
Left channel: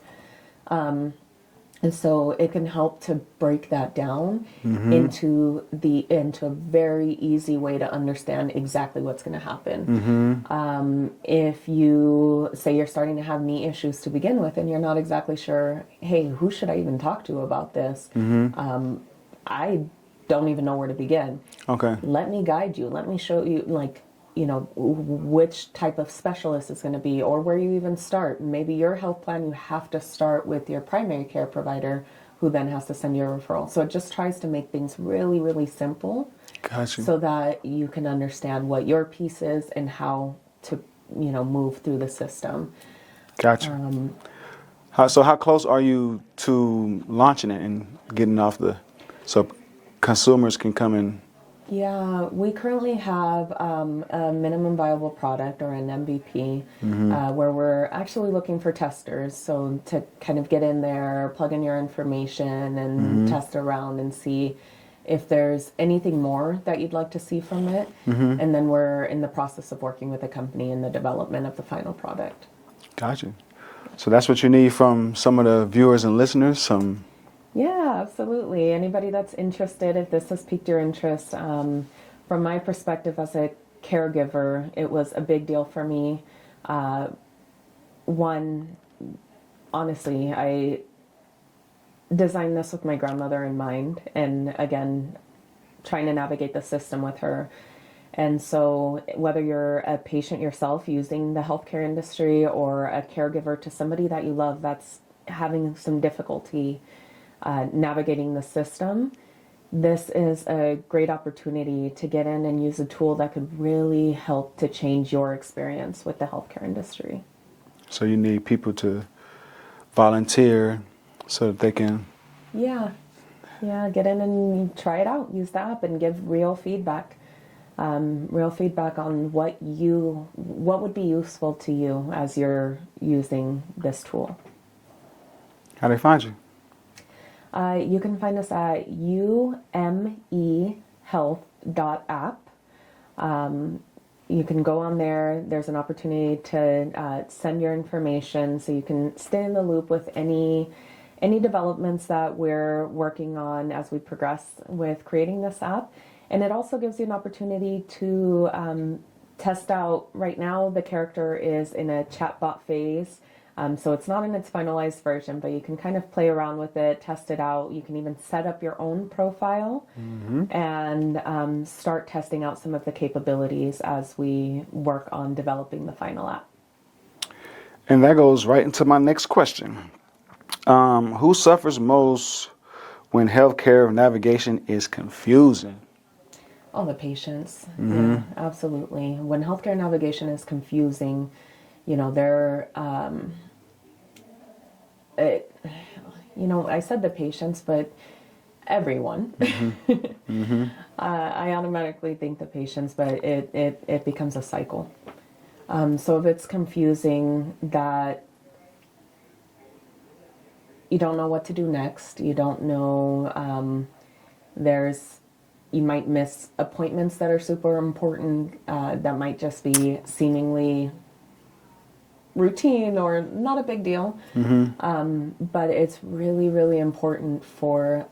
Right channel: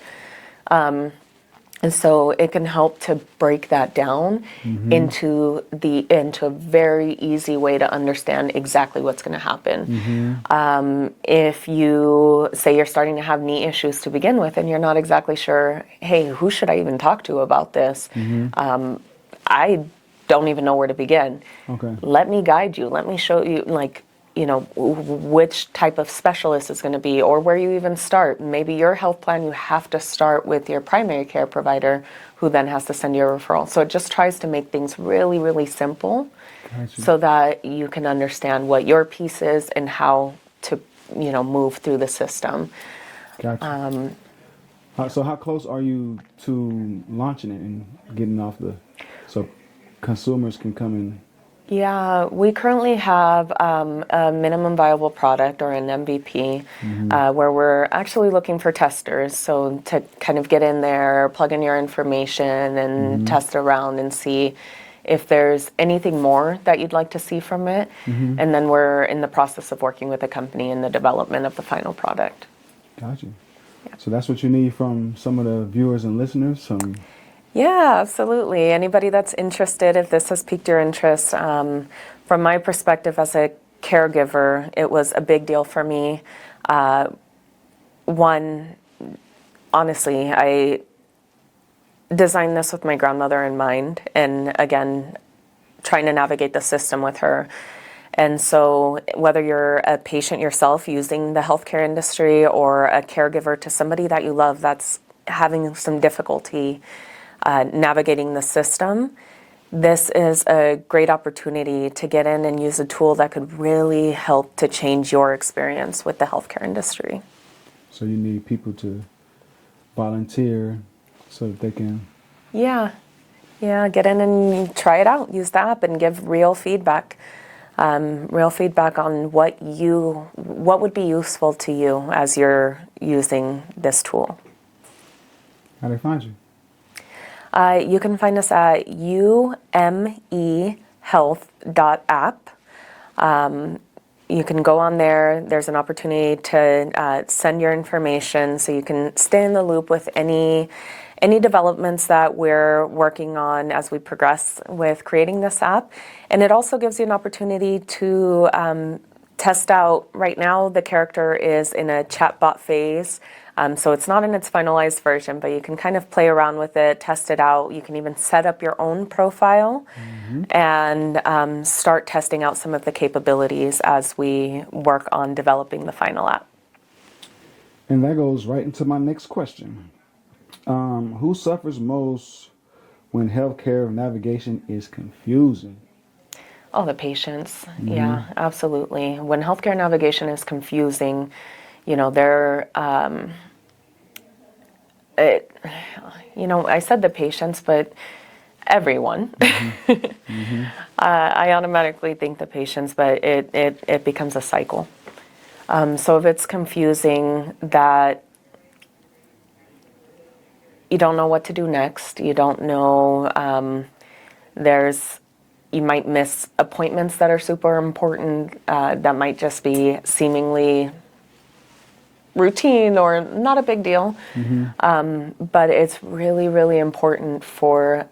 And so it can help to break that down into a very easy way to understand exactly what's going to happen. If you say you're starting to have knee issues to begin with and you're not exactly sure, hey, who should I even talk to about this? I don't even know where to begin. Okay. Let me guide you. Let me show you, which type of specialist is going to be, or where you even start. Maybe your health plan, you have to start with your primary care provider, who then has to send you a referral. So it just tries to make things really, really simple. Gotcha. So that you can understand what your piece is and how to, move through the system. Gotcha. So how close are you to launching it and getting off so consumers can come in? Yeah, we currently have a minimum viable product, or an MVP, where we're actually looking for testers. So to kind of get in there, plug in your information and test around and see if there's anything more that you'd like to see from it. And then we're in the process of working with a company in the development of the final product. Gotcha. Yeah. So that's what you need from some of the viewers and listeners? Yeah, absolutely. Anybody that's interested, if this has piqued your interest, from my perspective as a caregiver, it was a big deal for me. One, honestly, I designed this with my grandmother in mind, and again, trying to navigate the system with her. And so whether you're a patient yourself using the healthcare industry, or a caregiver to somebody that you love that's having some difficulty navigating the system, this is a great opportunity to get in and use a tool that could really help to change your experience with the healthcare industry. So you need people to volunteer so that they can... Yeah, get in and try it out. Use the app and give real feedback. On what would be useful to you as you're using this tool. How do they find you? You can find us at umehealth.app. you can go on there. There's an opportunity to send your information so you can stay in the loop with any developments that we're working on as we progress with creating this app. And it also gives you an opportunity to test out. Right now, the character is in a chatbot phase. So it's not in its finalized version, but you can kind of play around with it, test it out. You can even set up your own profile and start testing out some of the capabilities as we work on developing the final app. And that goes right into my next question. Who suffers most when healthcare navigation is confusing? Oh, the patients. Yeah, absolutely. When healthcare navigation is confusing, they're, I said the patients, but everyone. I automatically think the patients, but it becomes a cycle. So if it's confusing that you don't know what to do next, you don't know, you might miss appointments that are super important, that might just be seemingly routine or not a big deal. But it's really, really important for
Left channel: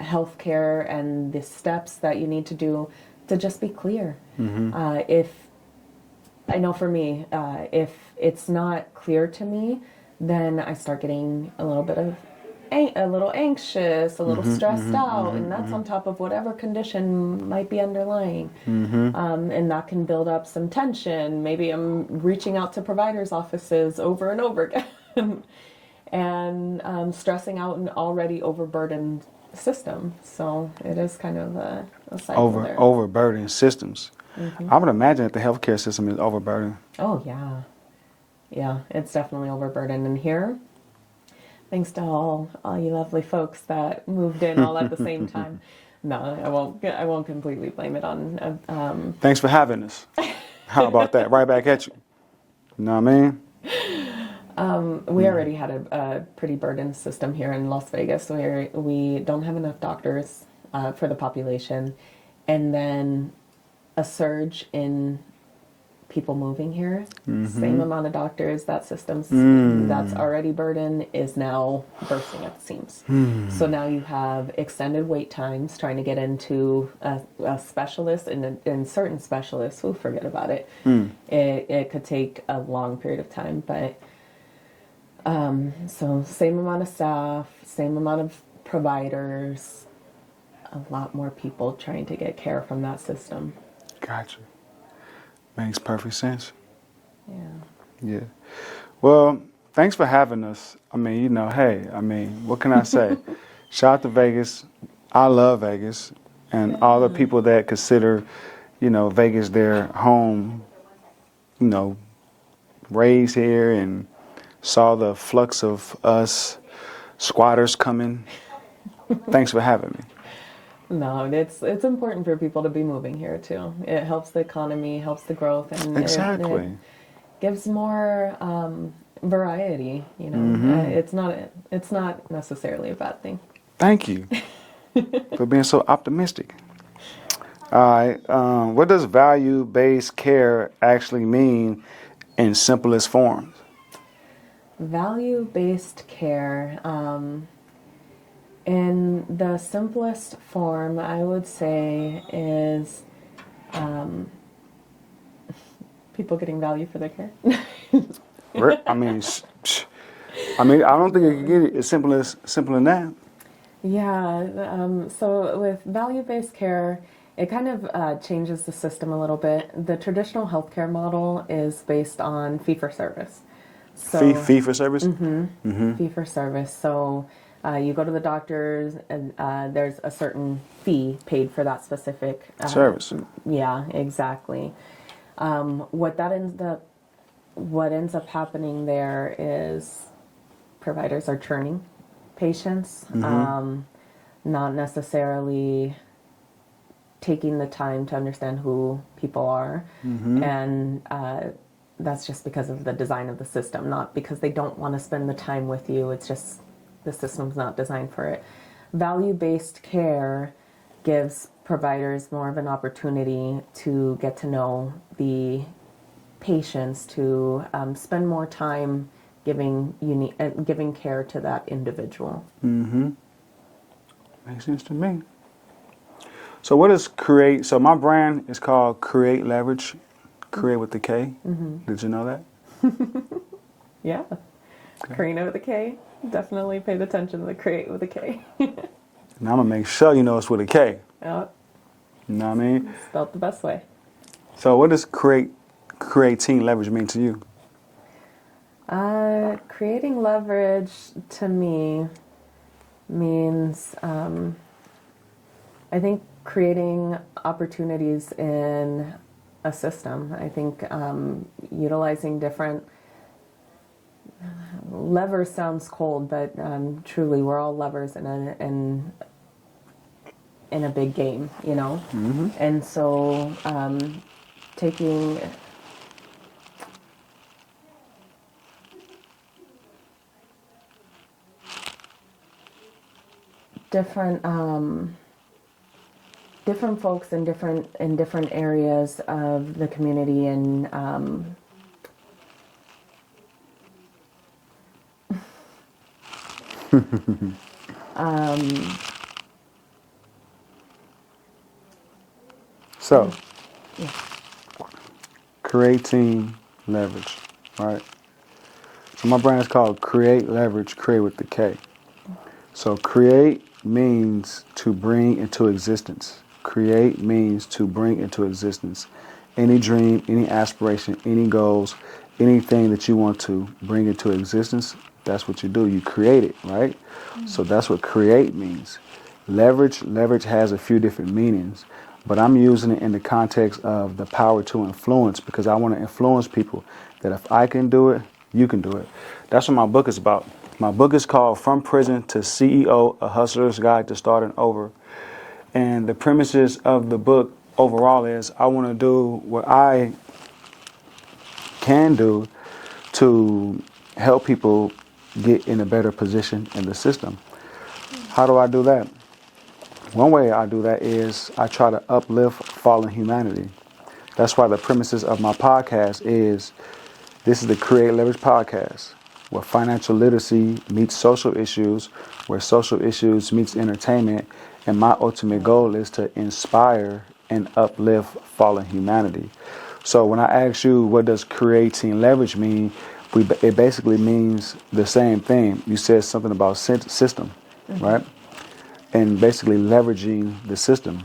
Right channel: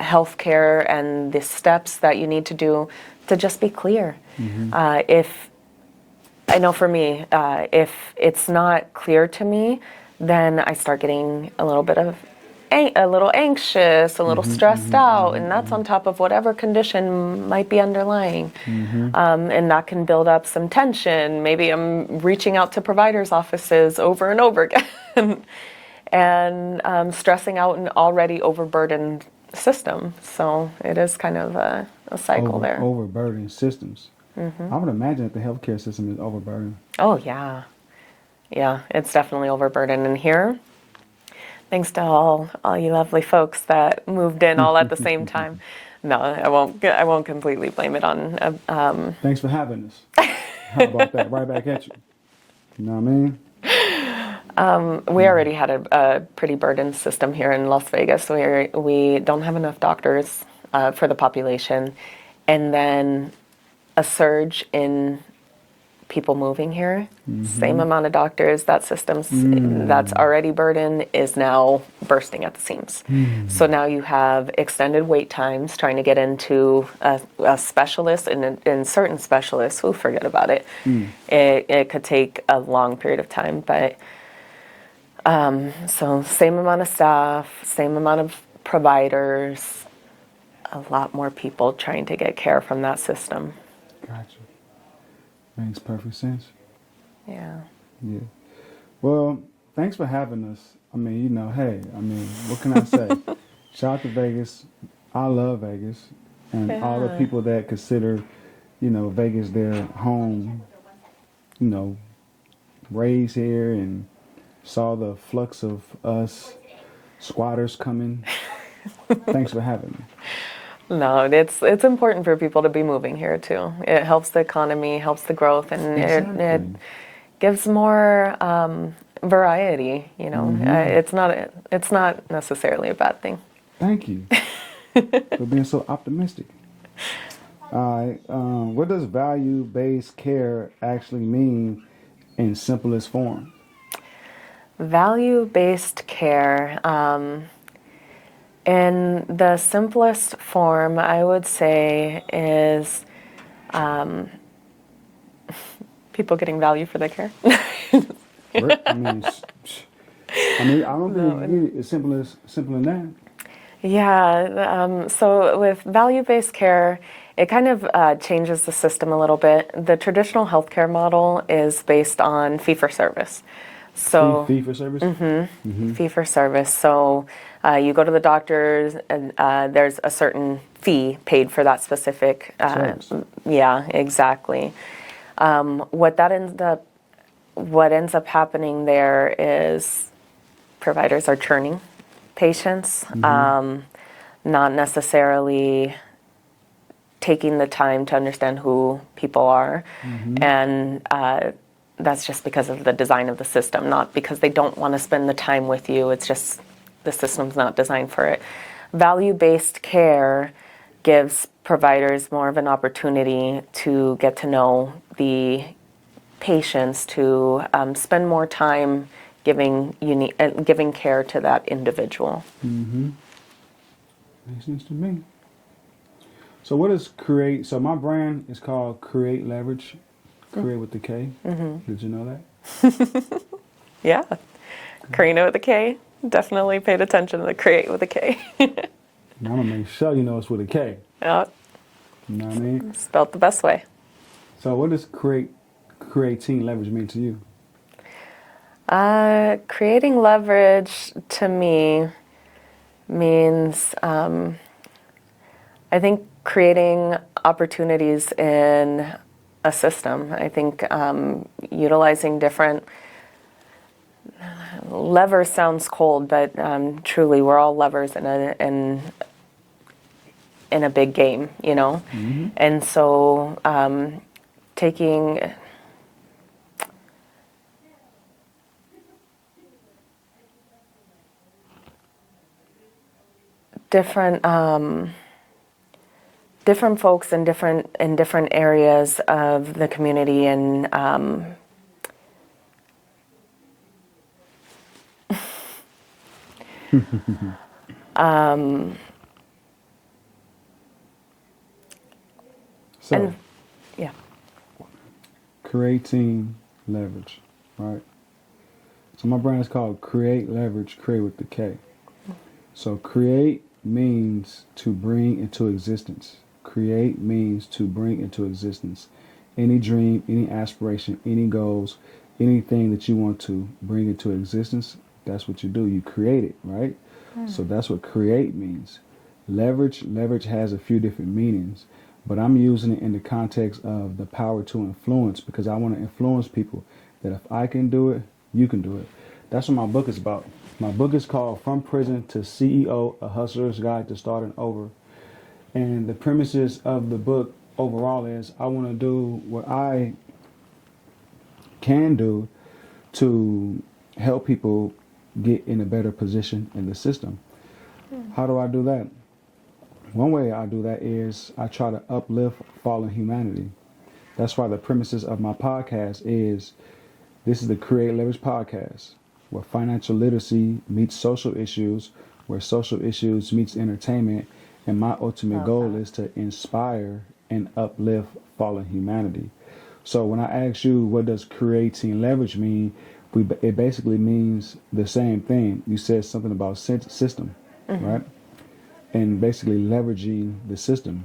healthcare and the steps that you need to do to just be clear. I know for me, if it's not clear to me, then I start getting a little anxious, a little stressed out, and that's on top of whatever condition might be underlying. And that can build up some tension. Maybe I'm reaching out to providers' offices over and over again and stressing out an already overburdened system. So it is kind of a cycle there. Overburdened systems. I would imagine that the healthcare system is overburdened. Oh, yeah. Yeah, it's definitely overburdened. And here, thanks to all you lovely folks that moved in all at the same time. No, I won't completely blame it on. Thanks for having us. How about that? Right back at you. You know what I mean? We already had a pretty burdened system here in Las Vegas. We don't have enough doctors for the population, and then a surge in people moving here. Same amount of doctors. That system's that's already burdened is now bursting at the seams. So now you have extended wait times trying to get into a specialist, and in certain specialists, forget about it. It could take a long period of time, but so same amount of staff, same amount of providers, a lot more people trying to get care from that system. Gotcha. Makes perfect sense. Yeah. Yeah. Well, thanks for having us. I mean, what can I say? Shout out to Vegas. I love Vegas. And all the people that consider, Vegas their home, raised here and saw the flux of us squatters coming. Thanks for having me. No, it's important for people to be moving here too. It helps the economy, helps the growth, and it gives more variety. It's not necessarily a bad thing. Thank you for being so optimistic. All right, what does value-based care actually mean in simplest forms? Value-based care. In the simplest form, I would say, is people getting value for their care. I mean, I don't think you can get it as simple as that. Yeah. So with value-based care, it kind of changes the system a little bit. The traditional healthcare model is based on fee-for-service. So fee-for-service? Fee-for-service. So you go to the doctors, and there's a certain fee paid for that specific service. Yeah, exactly. What ends up happening there is providers are churning patients, not necessarily taking the time to understand who people are, and that's just because of the design of the system, not because they don't want to spend the time with you. It's just the system's not designed for it. Value-based care gives providers more of an opportunity to get to know the patients, to spend more time giving care to that individual. Mm-hmm. Makes sense to me. So what is Kreate? So my brand is called Kreate Leverage, Kreate with the K. Mm-hmm. Did you know that? Yeah. Okay. Karina with a K. Definitely paid attention to the Kreate with a K. Now I'm going to make sure you know it's with a K. Yeah. You know what I mean? Spelled the best way. So what does creating leverage mean to you? Creating leverage to me means, I think, creating opportunities in a system. I think utilizing different levers sounds cold, but truly we're all levers in a big game, you know? Mm-hmm. And so taking different folks in different areas of the community and so yeah, creating leverage, right? So my brand is called Kreate Leverage, Kreate with the K. So create means to bring into existence. Create means to bring into existence any dream, any aspiration, any goals, anything that you want to bring into existence. That's what you do. You create it, right? Mm. So that's what create means. Leverage has a few different meanings, but I'm using it in the context of the power to influence, because I want to influence people that if I can do it, you can do it. That's what my book is about. My book is called From Prison to CEO, A Hustler's Guide to Starting Over. And the premises of the book overall is I want to do what I can do to help people get in a better position in the system. How do I do that? One way I do that is I try to uplift fallen humanity. That's why the premises of my podcast is, this is the Kreate Leverage Podcast, where financial literacy meets social issues, where social issues meets entertainment, and my ultimate goal is to inspire and uplift fallen humanity. So when I ask you, what does creating leverage mean? It basically means the same thing. You said something about system, mm-hmm. right? And basically leveraging the system.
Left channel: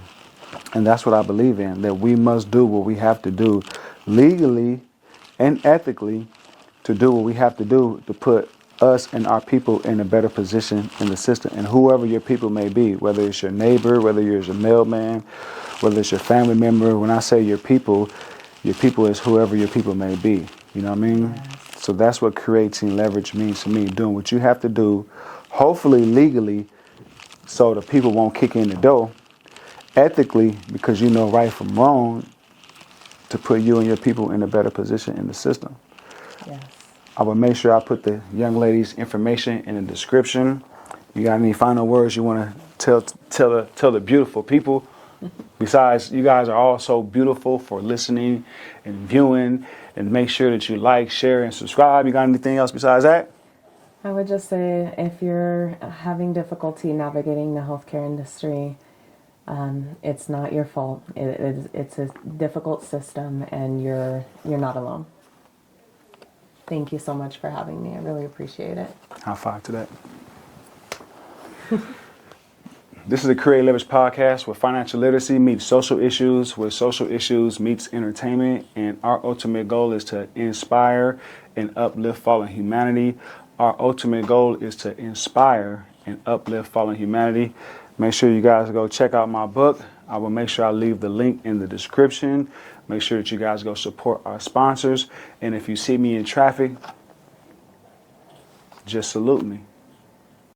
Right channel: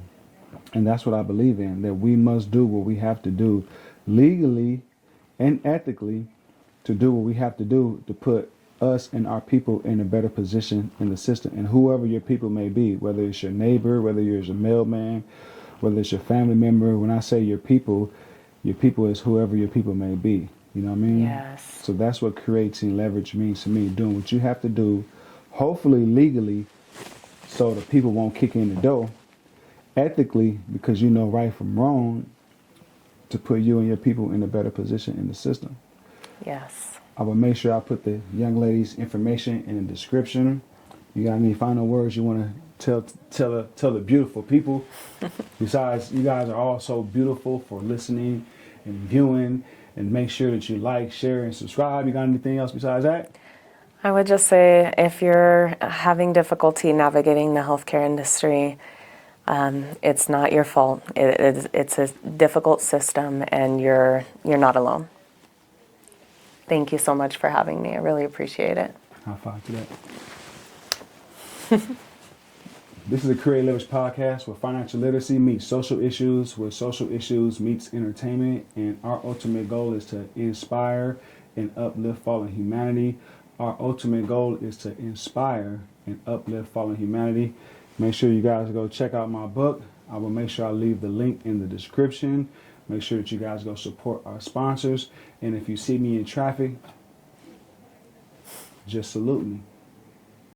And that's what I believe in, that we must do what we have to do legally and ethically to do what we have to do to put us and our people in a better position in the system. And whoever your people may be, whether it's your neighbor, whether you're a mailman, whether it's your family member. When I say your people is whoever your people may be. You know what I mean? Yes. So that's what creating leverage means to me, doing what you have to do, hopefully legally, so the people won't kick in the door, ethically, because you know right from wrong, to put you and your people in a better position in the system. Yes. I will make sure I put the young lady's information in the description. You got any final words you want to tell the beautiful people? Besides, you guys are all so beautiful for listening and viewing, and make sure that you like, share, and subscribe. You got anything else besides that? I would just say, if you're having difficulty navigating the healthcare industry, it's not your fault. It's a difficult system, and you're not alone. Thank you so much for having me. I really appreciate it. High five to that. This is the Kreate Leverage Podcast, where financial literacy meets social issues, where social issues meets entertainment, and our ultimate goal is to inspire and uplift fallen humanity. Our ultimate goal is to inspire and uplift fallen humanity. Make sure you guys go check out my book. I will make sure I leave the link in the description. Make sure that you guys go support our sponsors. And if you see me in traffic, just salute me.